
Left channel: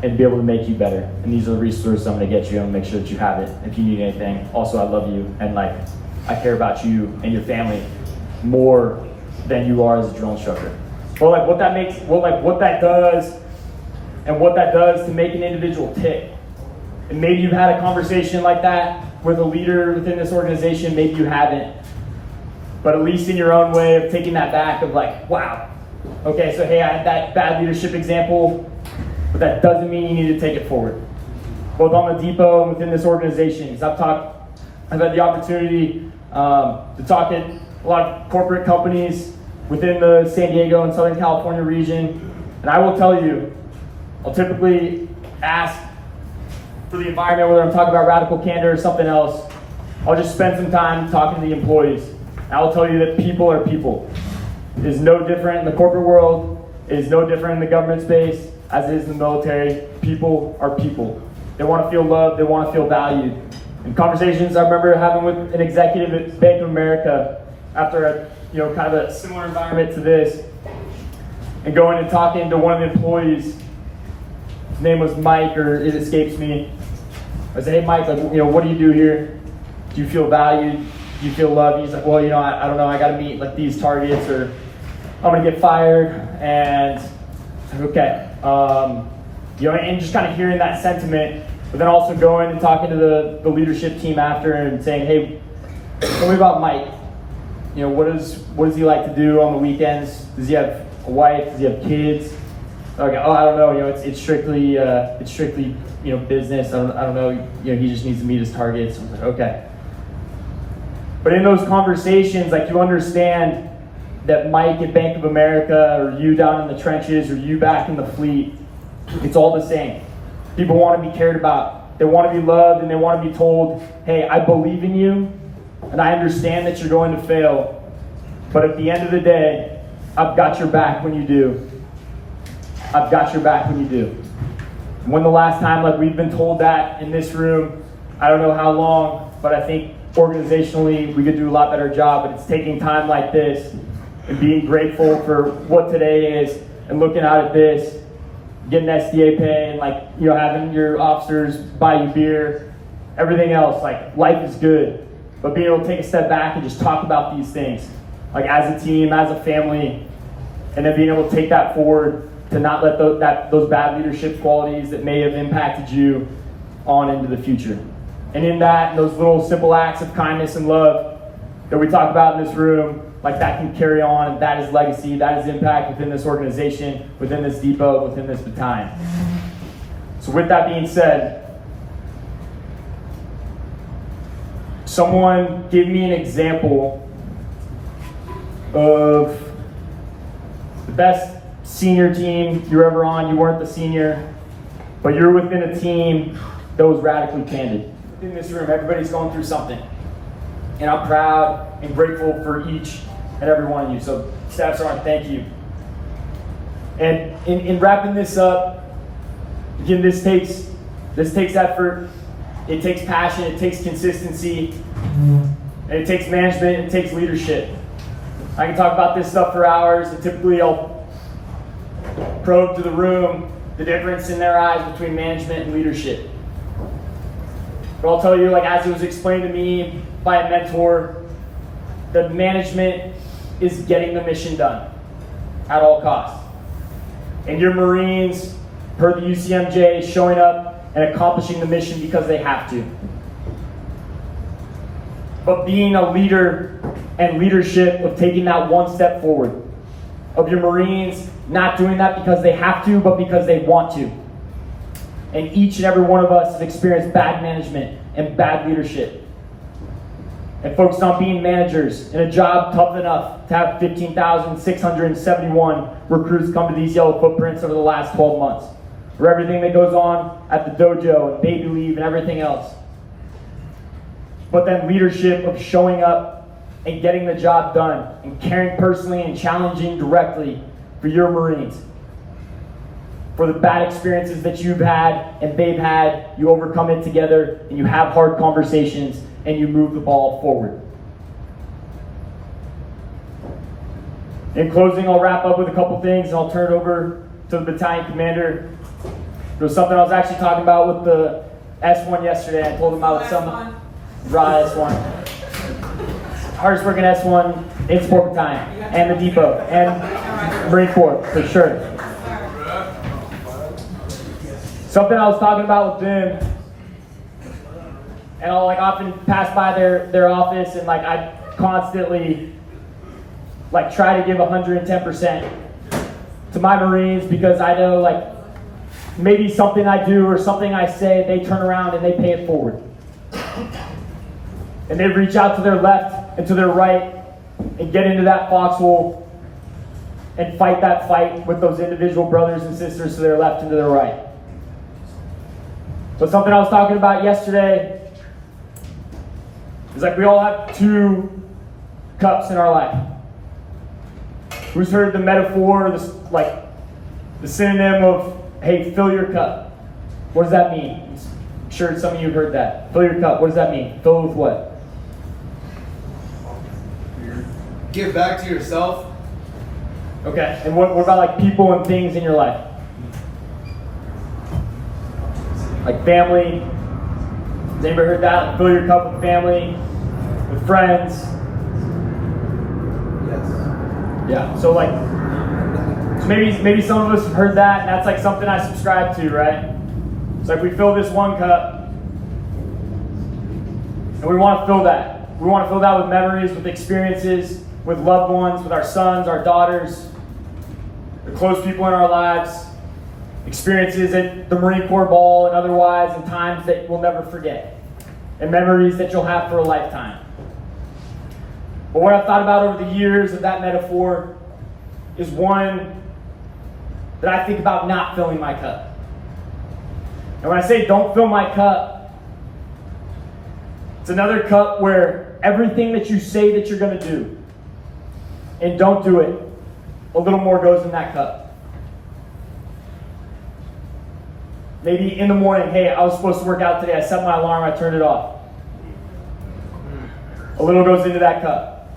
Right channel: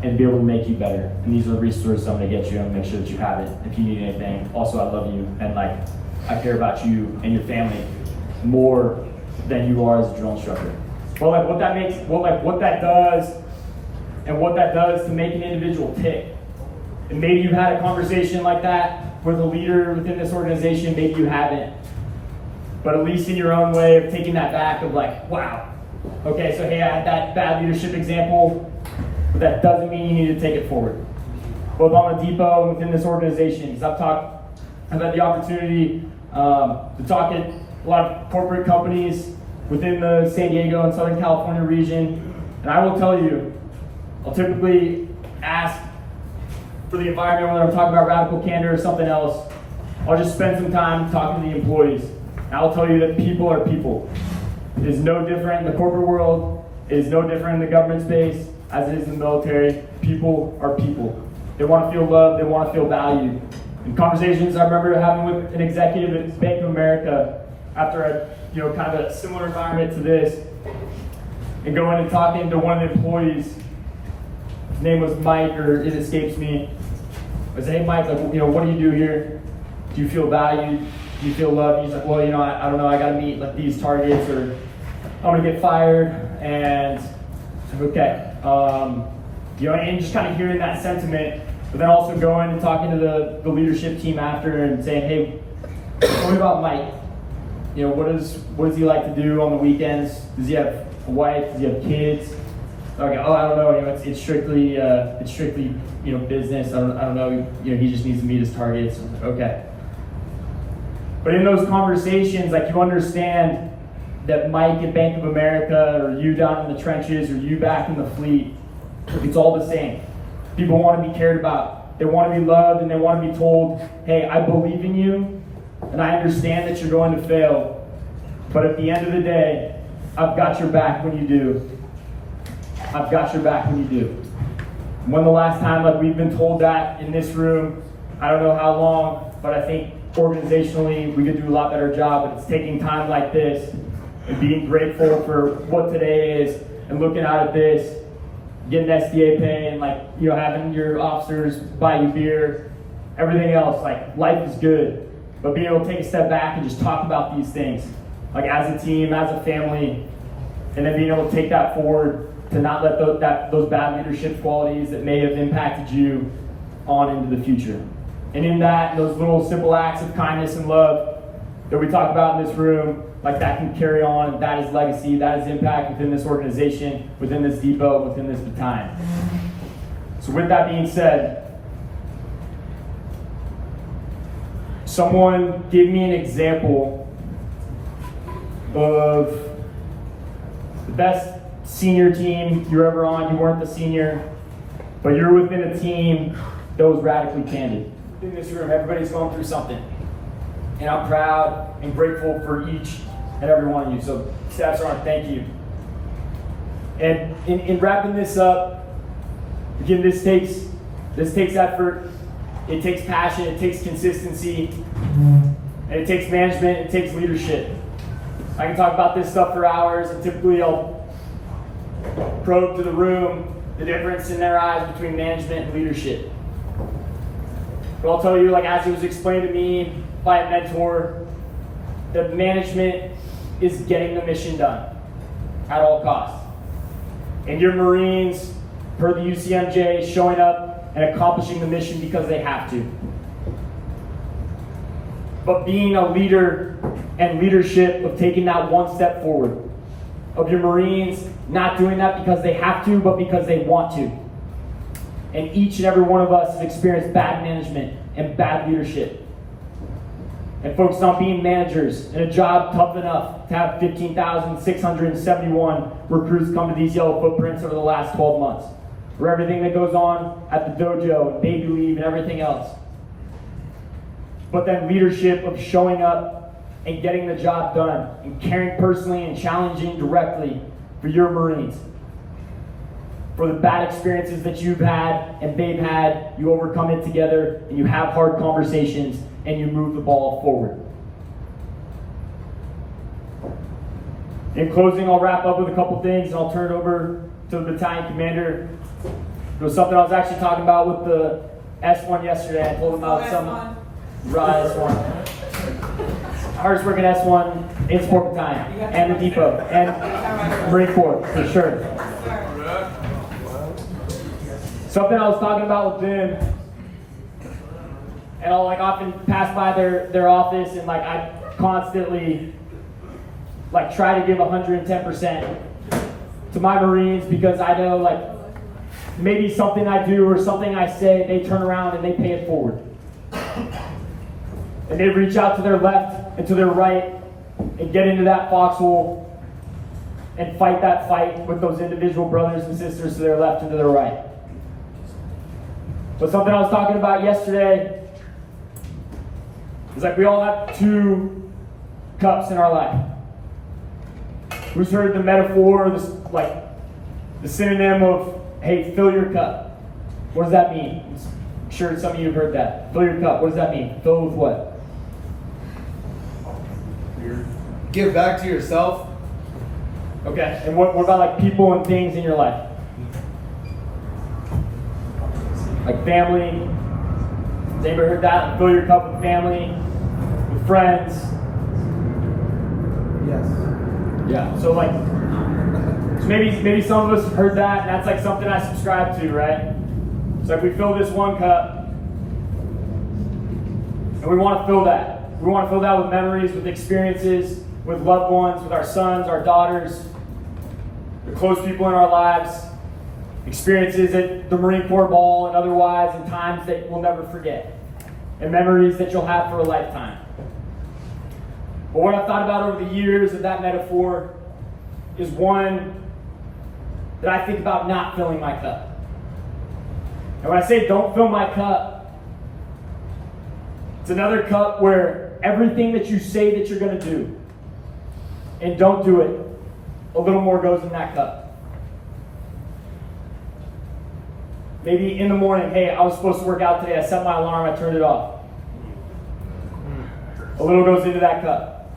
and be able to make you better. And these are the resources I'm gonna get you. I'm gonna make sure that you have it if you need anything. Also, I love you, and like I care about you and your family more than you are as a drill instructor. Well, like what that does, and what that does to make an individual tick. And maybe you've had a conversation like that with a leader within this organization, maybe you haven't. But at least in your own way of taking that back of like, wow, okay, so hey, I had that bad leadership example, but that doesn't mean you need to take it forward. Both on the depot and within this organization, because I've had the opportunity to talk at a lot of corporate companies within the San Diego and Southern California region, and I will tell you, I'll typically ask for the environment, whether I'm talking about radical candor or something else. I'll just spend some time talking to the employees. And I'll tell you that people are people. It is no different in the corporate world. It is no different in the government space as it is in the military. People are people. They want to feel loved. They want to feel valued. In conversations I remember having with an executive at Bank of America after a kind of a similar environment to this, and going and talking to one of the employees. His name was Mike, or it escapes me. I said, hey Mike, what do you do here? Do you feel valued? Do you feel loved? He's like, well, I don't know, I gotta meet like these targets, or I'm gonna get fired. And okay, and just kind of hearing that sentiment, but then also going and talking to the leadership team after and saying, hey, tell me about Mike. What does he like to do on the weekends? Does he have a wife? Does he have kids? Okay, I don't know. It's strictly business. I don't know. He just needs to meet his targets. Okay. But in those conversations, like, you understand that Mike at Bank of America, or you down in the trenches, or you back in the fleet, it's all the same. People want to be cared about. They want to be loved, and they want to be told, hey, I believe in you, and I understand that you're going to fail, but at the end of the day, I've got your back when you do. I've got your back when you do. When the last time, like, we've been told that in this room, I don't know how long, but I think organizationally we could do a lot better job. But it's taking time like this and being grateful for what today is, and looking out at this, getting SDA pay, and having your officers buy you beer, everything else. Like, life is good, but being able to take a step back and just talk about these things, like as a team, as a family, and then being able to take that forward, to not let those bad leadership qualities that may have impacted you on into the future. And in that, those little simple acts of kindness and love that we talk about in this room, like, that can carry on. That is legacy. That is impact within this organization, within this depot, within this battalion. So with that being said, someone give me an example of the best senior team you're ever on. You weren't the senior, but you're within a team that was radically candid. In this room, everybody's going through something, and I'm proud and grateful for each and every one of you. So, Staff Sergeant, thank you. And in wrapping this up, again, this takes effort, it takes passion, it takes consistency, and it takes management, it takes leadership. I can talk about this stuff for hours, and typically I'll probe to the room the difference in their eyes between management and leadership. But I'll tell you, like, as it was explained to me by a mentor, the management is getting the mission done at all costs. And your Marines, per the UCMJ, showing up and accomplishing the mission because they have to. But being a leader and leadership of taking that one step forward, of your Marines not doing that because they have to, but because they want to. And each and every one of us has experienced bad management and bad leadership, and focused on being managers in a job tough enough to have 15,671 recruits come to these yellow footprints over the last 12 months, for everything that goes on at the dojo, and baby leave, and everything else. But then leadership of showing up and getting the job done and caring personally and challenging directly for your Marines. For the bad experiences that you've had and they've had, you overcome it together and you have hard conversations and you move the ball forward. In closing, I'll wrap up with a couple things and I'll turn it over to the battalion commander. There was something I was actually talking about with the S1 yesterday. I told him about some raw S1. Hardest working S1 in support battalion and the depot and Marine Corps for sure. Something I was talking about with them, and I'll like often pass by their office and like I constantly like try to give 110% to my Marines because I know like maybe something I do or something I say, they turn around and they pay it forward. And they reach out to their left and to their right and get into that foxhole and fight that fight with those individual brothers and sisters to their left and to their right. So something I was talking about yesterday is like we all have two cups in our life. Who's heard the metaphor, like the synonym of, hey, fill your cup? What does that mean? I'm sure some of you have heard that. Fill your cup, what does that mean? Fill it with what? Give back to yourself. Okay, and what about like people and things in your life? Like family. Has anybody heard that? Fill your cup with family, with friends. Yes. Yeah. So like, so maybe some of us have heard that, and that's like something I subscribe to, right? So like we fill this one cup, and we want to fill that. We want to fill that with memories, with experiences, with loved ones, with our sons, our daughters, the close people in our lives. Experiences at the Marine Corps Ball and otherwise, and times that we'll never forget, and memories that you'll have for a lifetime. But what I've thought about over the years of that metaphor is one that I think about not filling my cup. And when I say don't fill my cup, it's another cup where everything that you say that you're going to do and don't do it, a little more goes in that cup. Maybe in the morning, hey, I was supposed to work out today. I set my alarm, I turned it off. A little goes into that cup.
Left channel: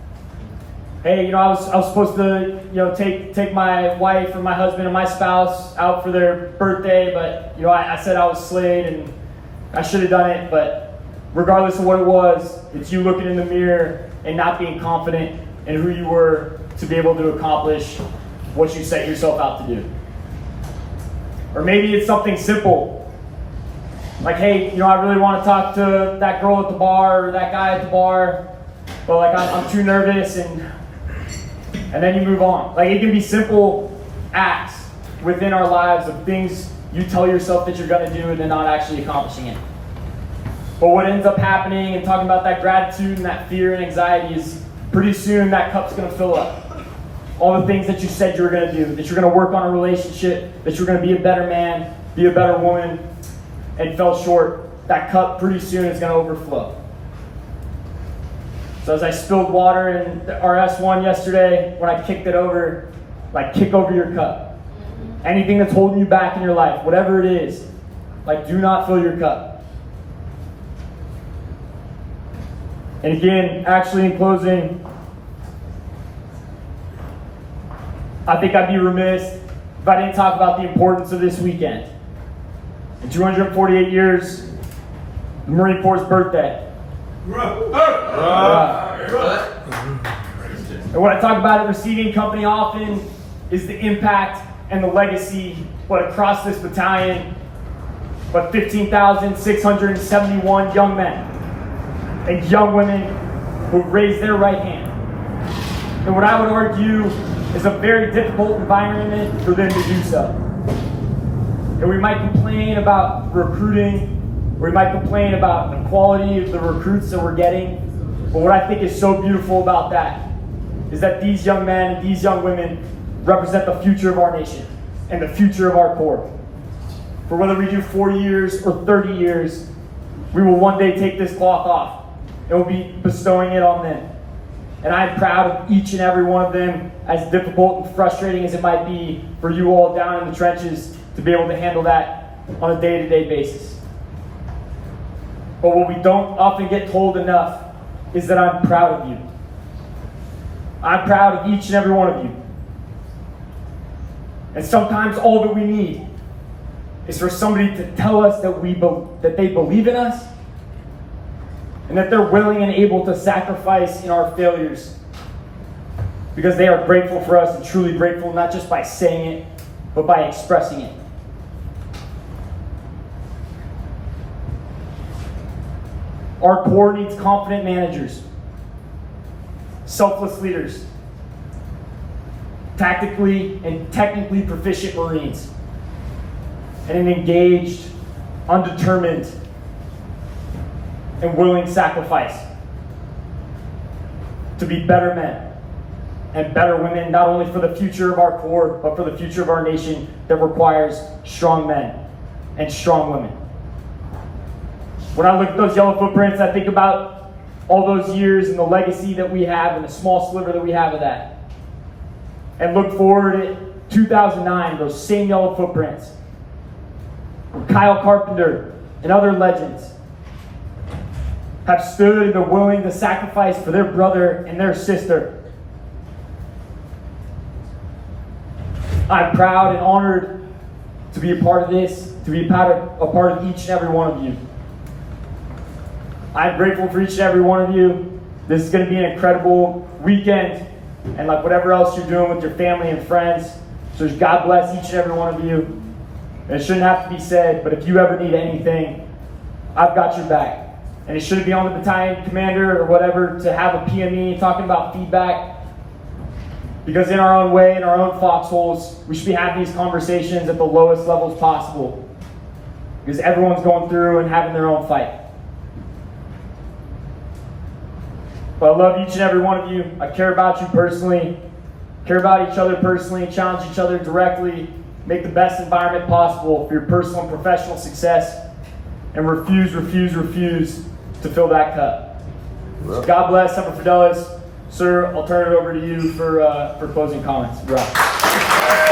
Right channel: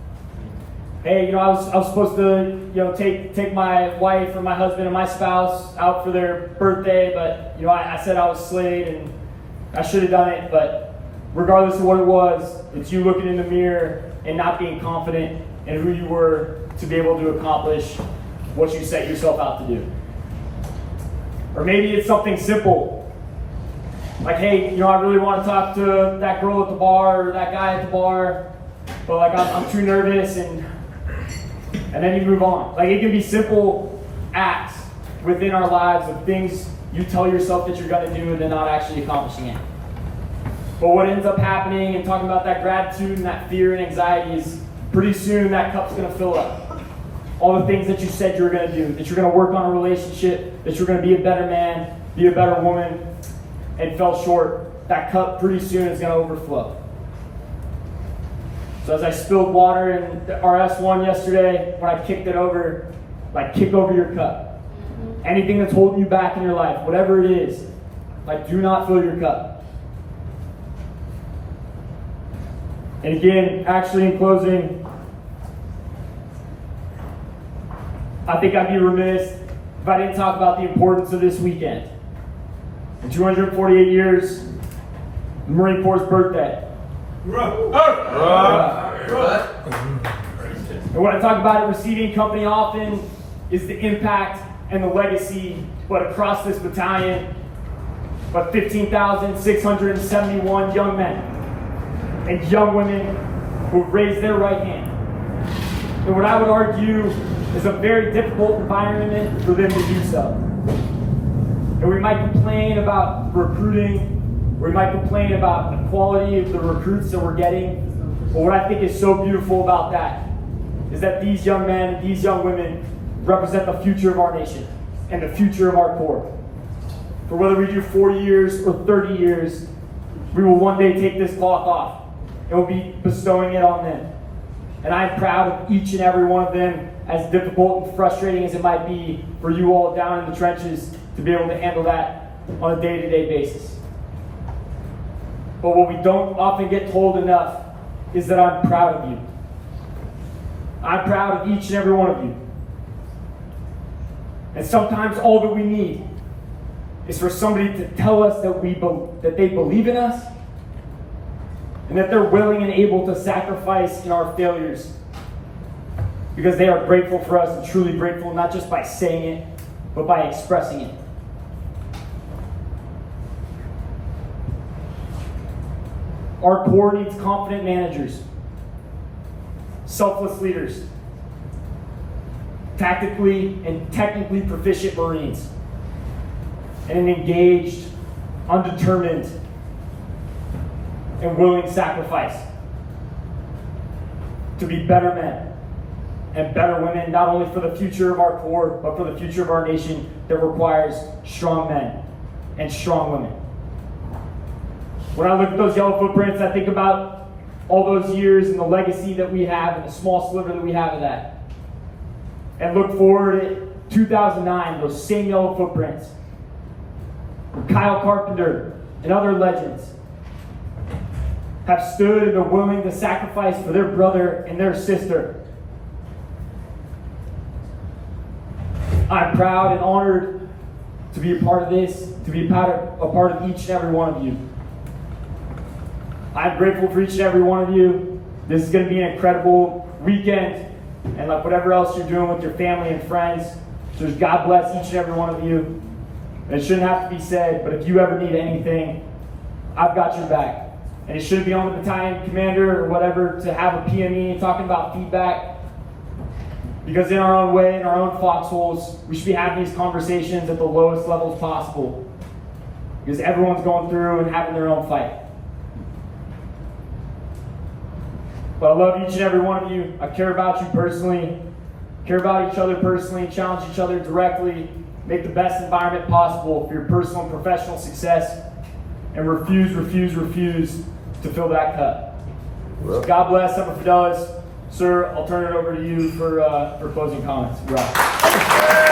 Hey, I was supposed to, take my wife or my husband and my spouse out for their birthday, but I said I was slayed and I should have done it. But regardless of what it was, it's you looking in the mirror and not being confident in who you were to be able to accomplish what you set yourself out to do. Or maybe it's something simple, like, hey, I really want to talk to that girl at the bar or that guy at the bar, but like I'm too nervous, and then you move on. Like it can be simple acts within our lives of things you tell yourself that you're going to do and then not actually accomplishing it. But what ends up happening and talking about that gratitude and that fear and anxiety is pretty soon that cup's going to fill up. All the things that you said you were going to do, that you're going to work on a relationship, that you're going to be a better man, be a better woman, and fell short, that cup pretty soon is going to overflow. So as I spilled water in our S1 yesterday, when I kicked it over, like kick over your cup. Anything that's holding you back in your life, whatever it is, like do not fill your cup. And again, actually in closing, I think I'd be remiss if I didn't talk about the importance of this weekend. In 248 years, the Marine Corps' birthday. And what I talk about at Receiving Company often is the impact and the legacy, but across this battalion, but 15,671 young men and young women who raised their right hand. And what I would argue is a very difficult environment for them to do so. And we might complain about recruiting, we might complain about the quality of the recruits that we're getting, but what I think is so beautiful about that is that these young men and these young women represent the future of our nation and the future of our Corps. For whether we do 4 years or 30 years, we will one day take this cloth off and we'll be bestowing it on them. And I'm proud of each and every one of them, as difficult and frustrating as it might be for you all down in the trenches to be able to handle that on a day-to-day basis. But what we don't often get told enough is that I'm proud of you. I'm proud of each and every one of you. And sometimes all that we need is for somebody to tell us that they believe in us and that they're willing and able to sacrifice in our failures because they are grateful for us and truly grateful, not just by saying it, but by expressing it. Our core needs confident managers, selfless leaders, tactically and technically proficient Marines, and an engaged, undetermined, and willing sacrifice to be better men and better women, not only for the future of our corps, but for the future of our nation that requires strong men and strong women. When I look at those yellow footprints, I think about all those years and the legacy that we have and the small sliver that we have of that. And look forward at 2009, those same yellow footprints. Kyle Carpenter and other legends have stood and are willing to sacrifice for their brother and their sister. I'm proud and honored to be a part of this, to be a part of each and every one of you. I'm grateful for each and every one of you. This is going to be an incredible weekend, and like whatever else you're doing with your family and friends. So just God bless each and every one of you. And it shouldn't have to be said, but if you ever need anything, I've got your back. And it shouldn't be on the battalion commander or whatever to have a PME talking about feedback. Because in our own way, in our own foxholes, we should be having these conversations at the lowest levels possible. Because everyone's going through and having their own fight. But I love each and every one of you. I care about you personally, care about each other personally, challenge each other directly, make the best environment possible for your personal and professional success, and refuse to fill that cup. So God bless, Semper Fidelis. Sir, I'll turn it over to you for closing comments. Right.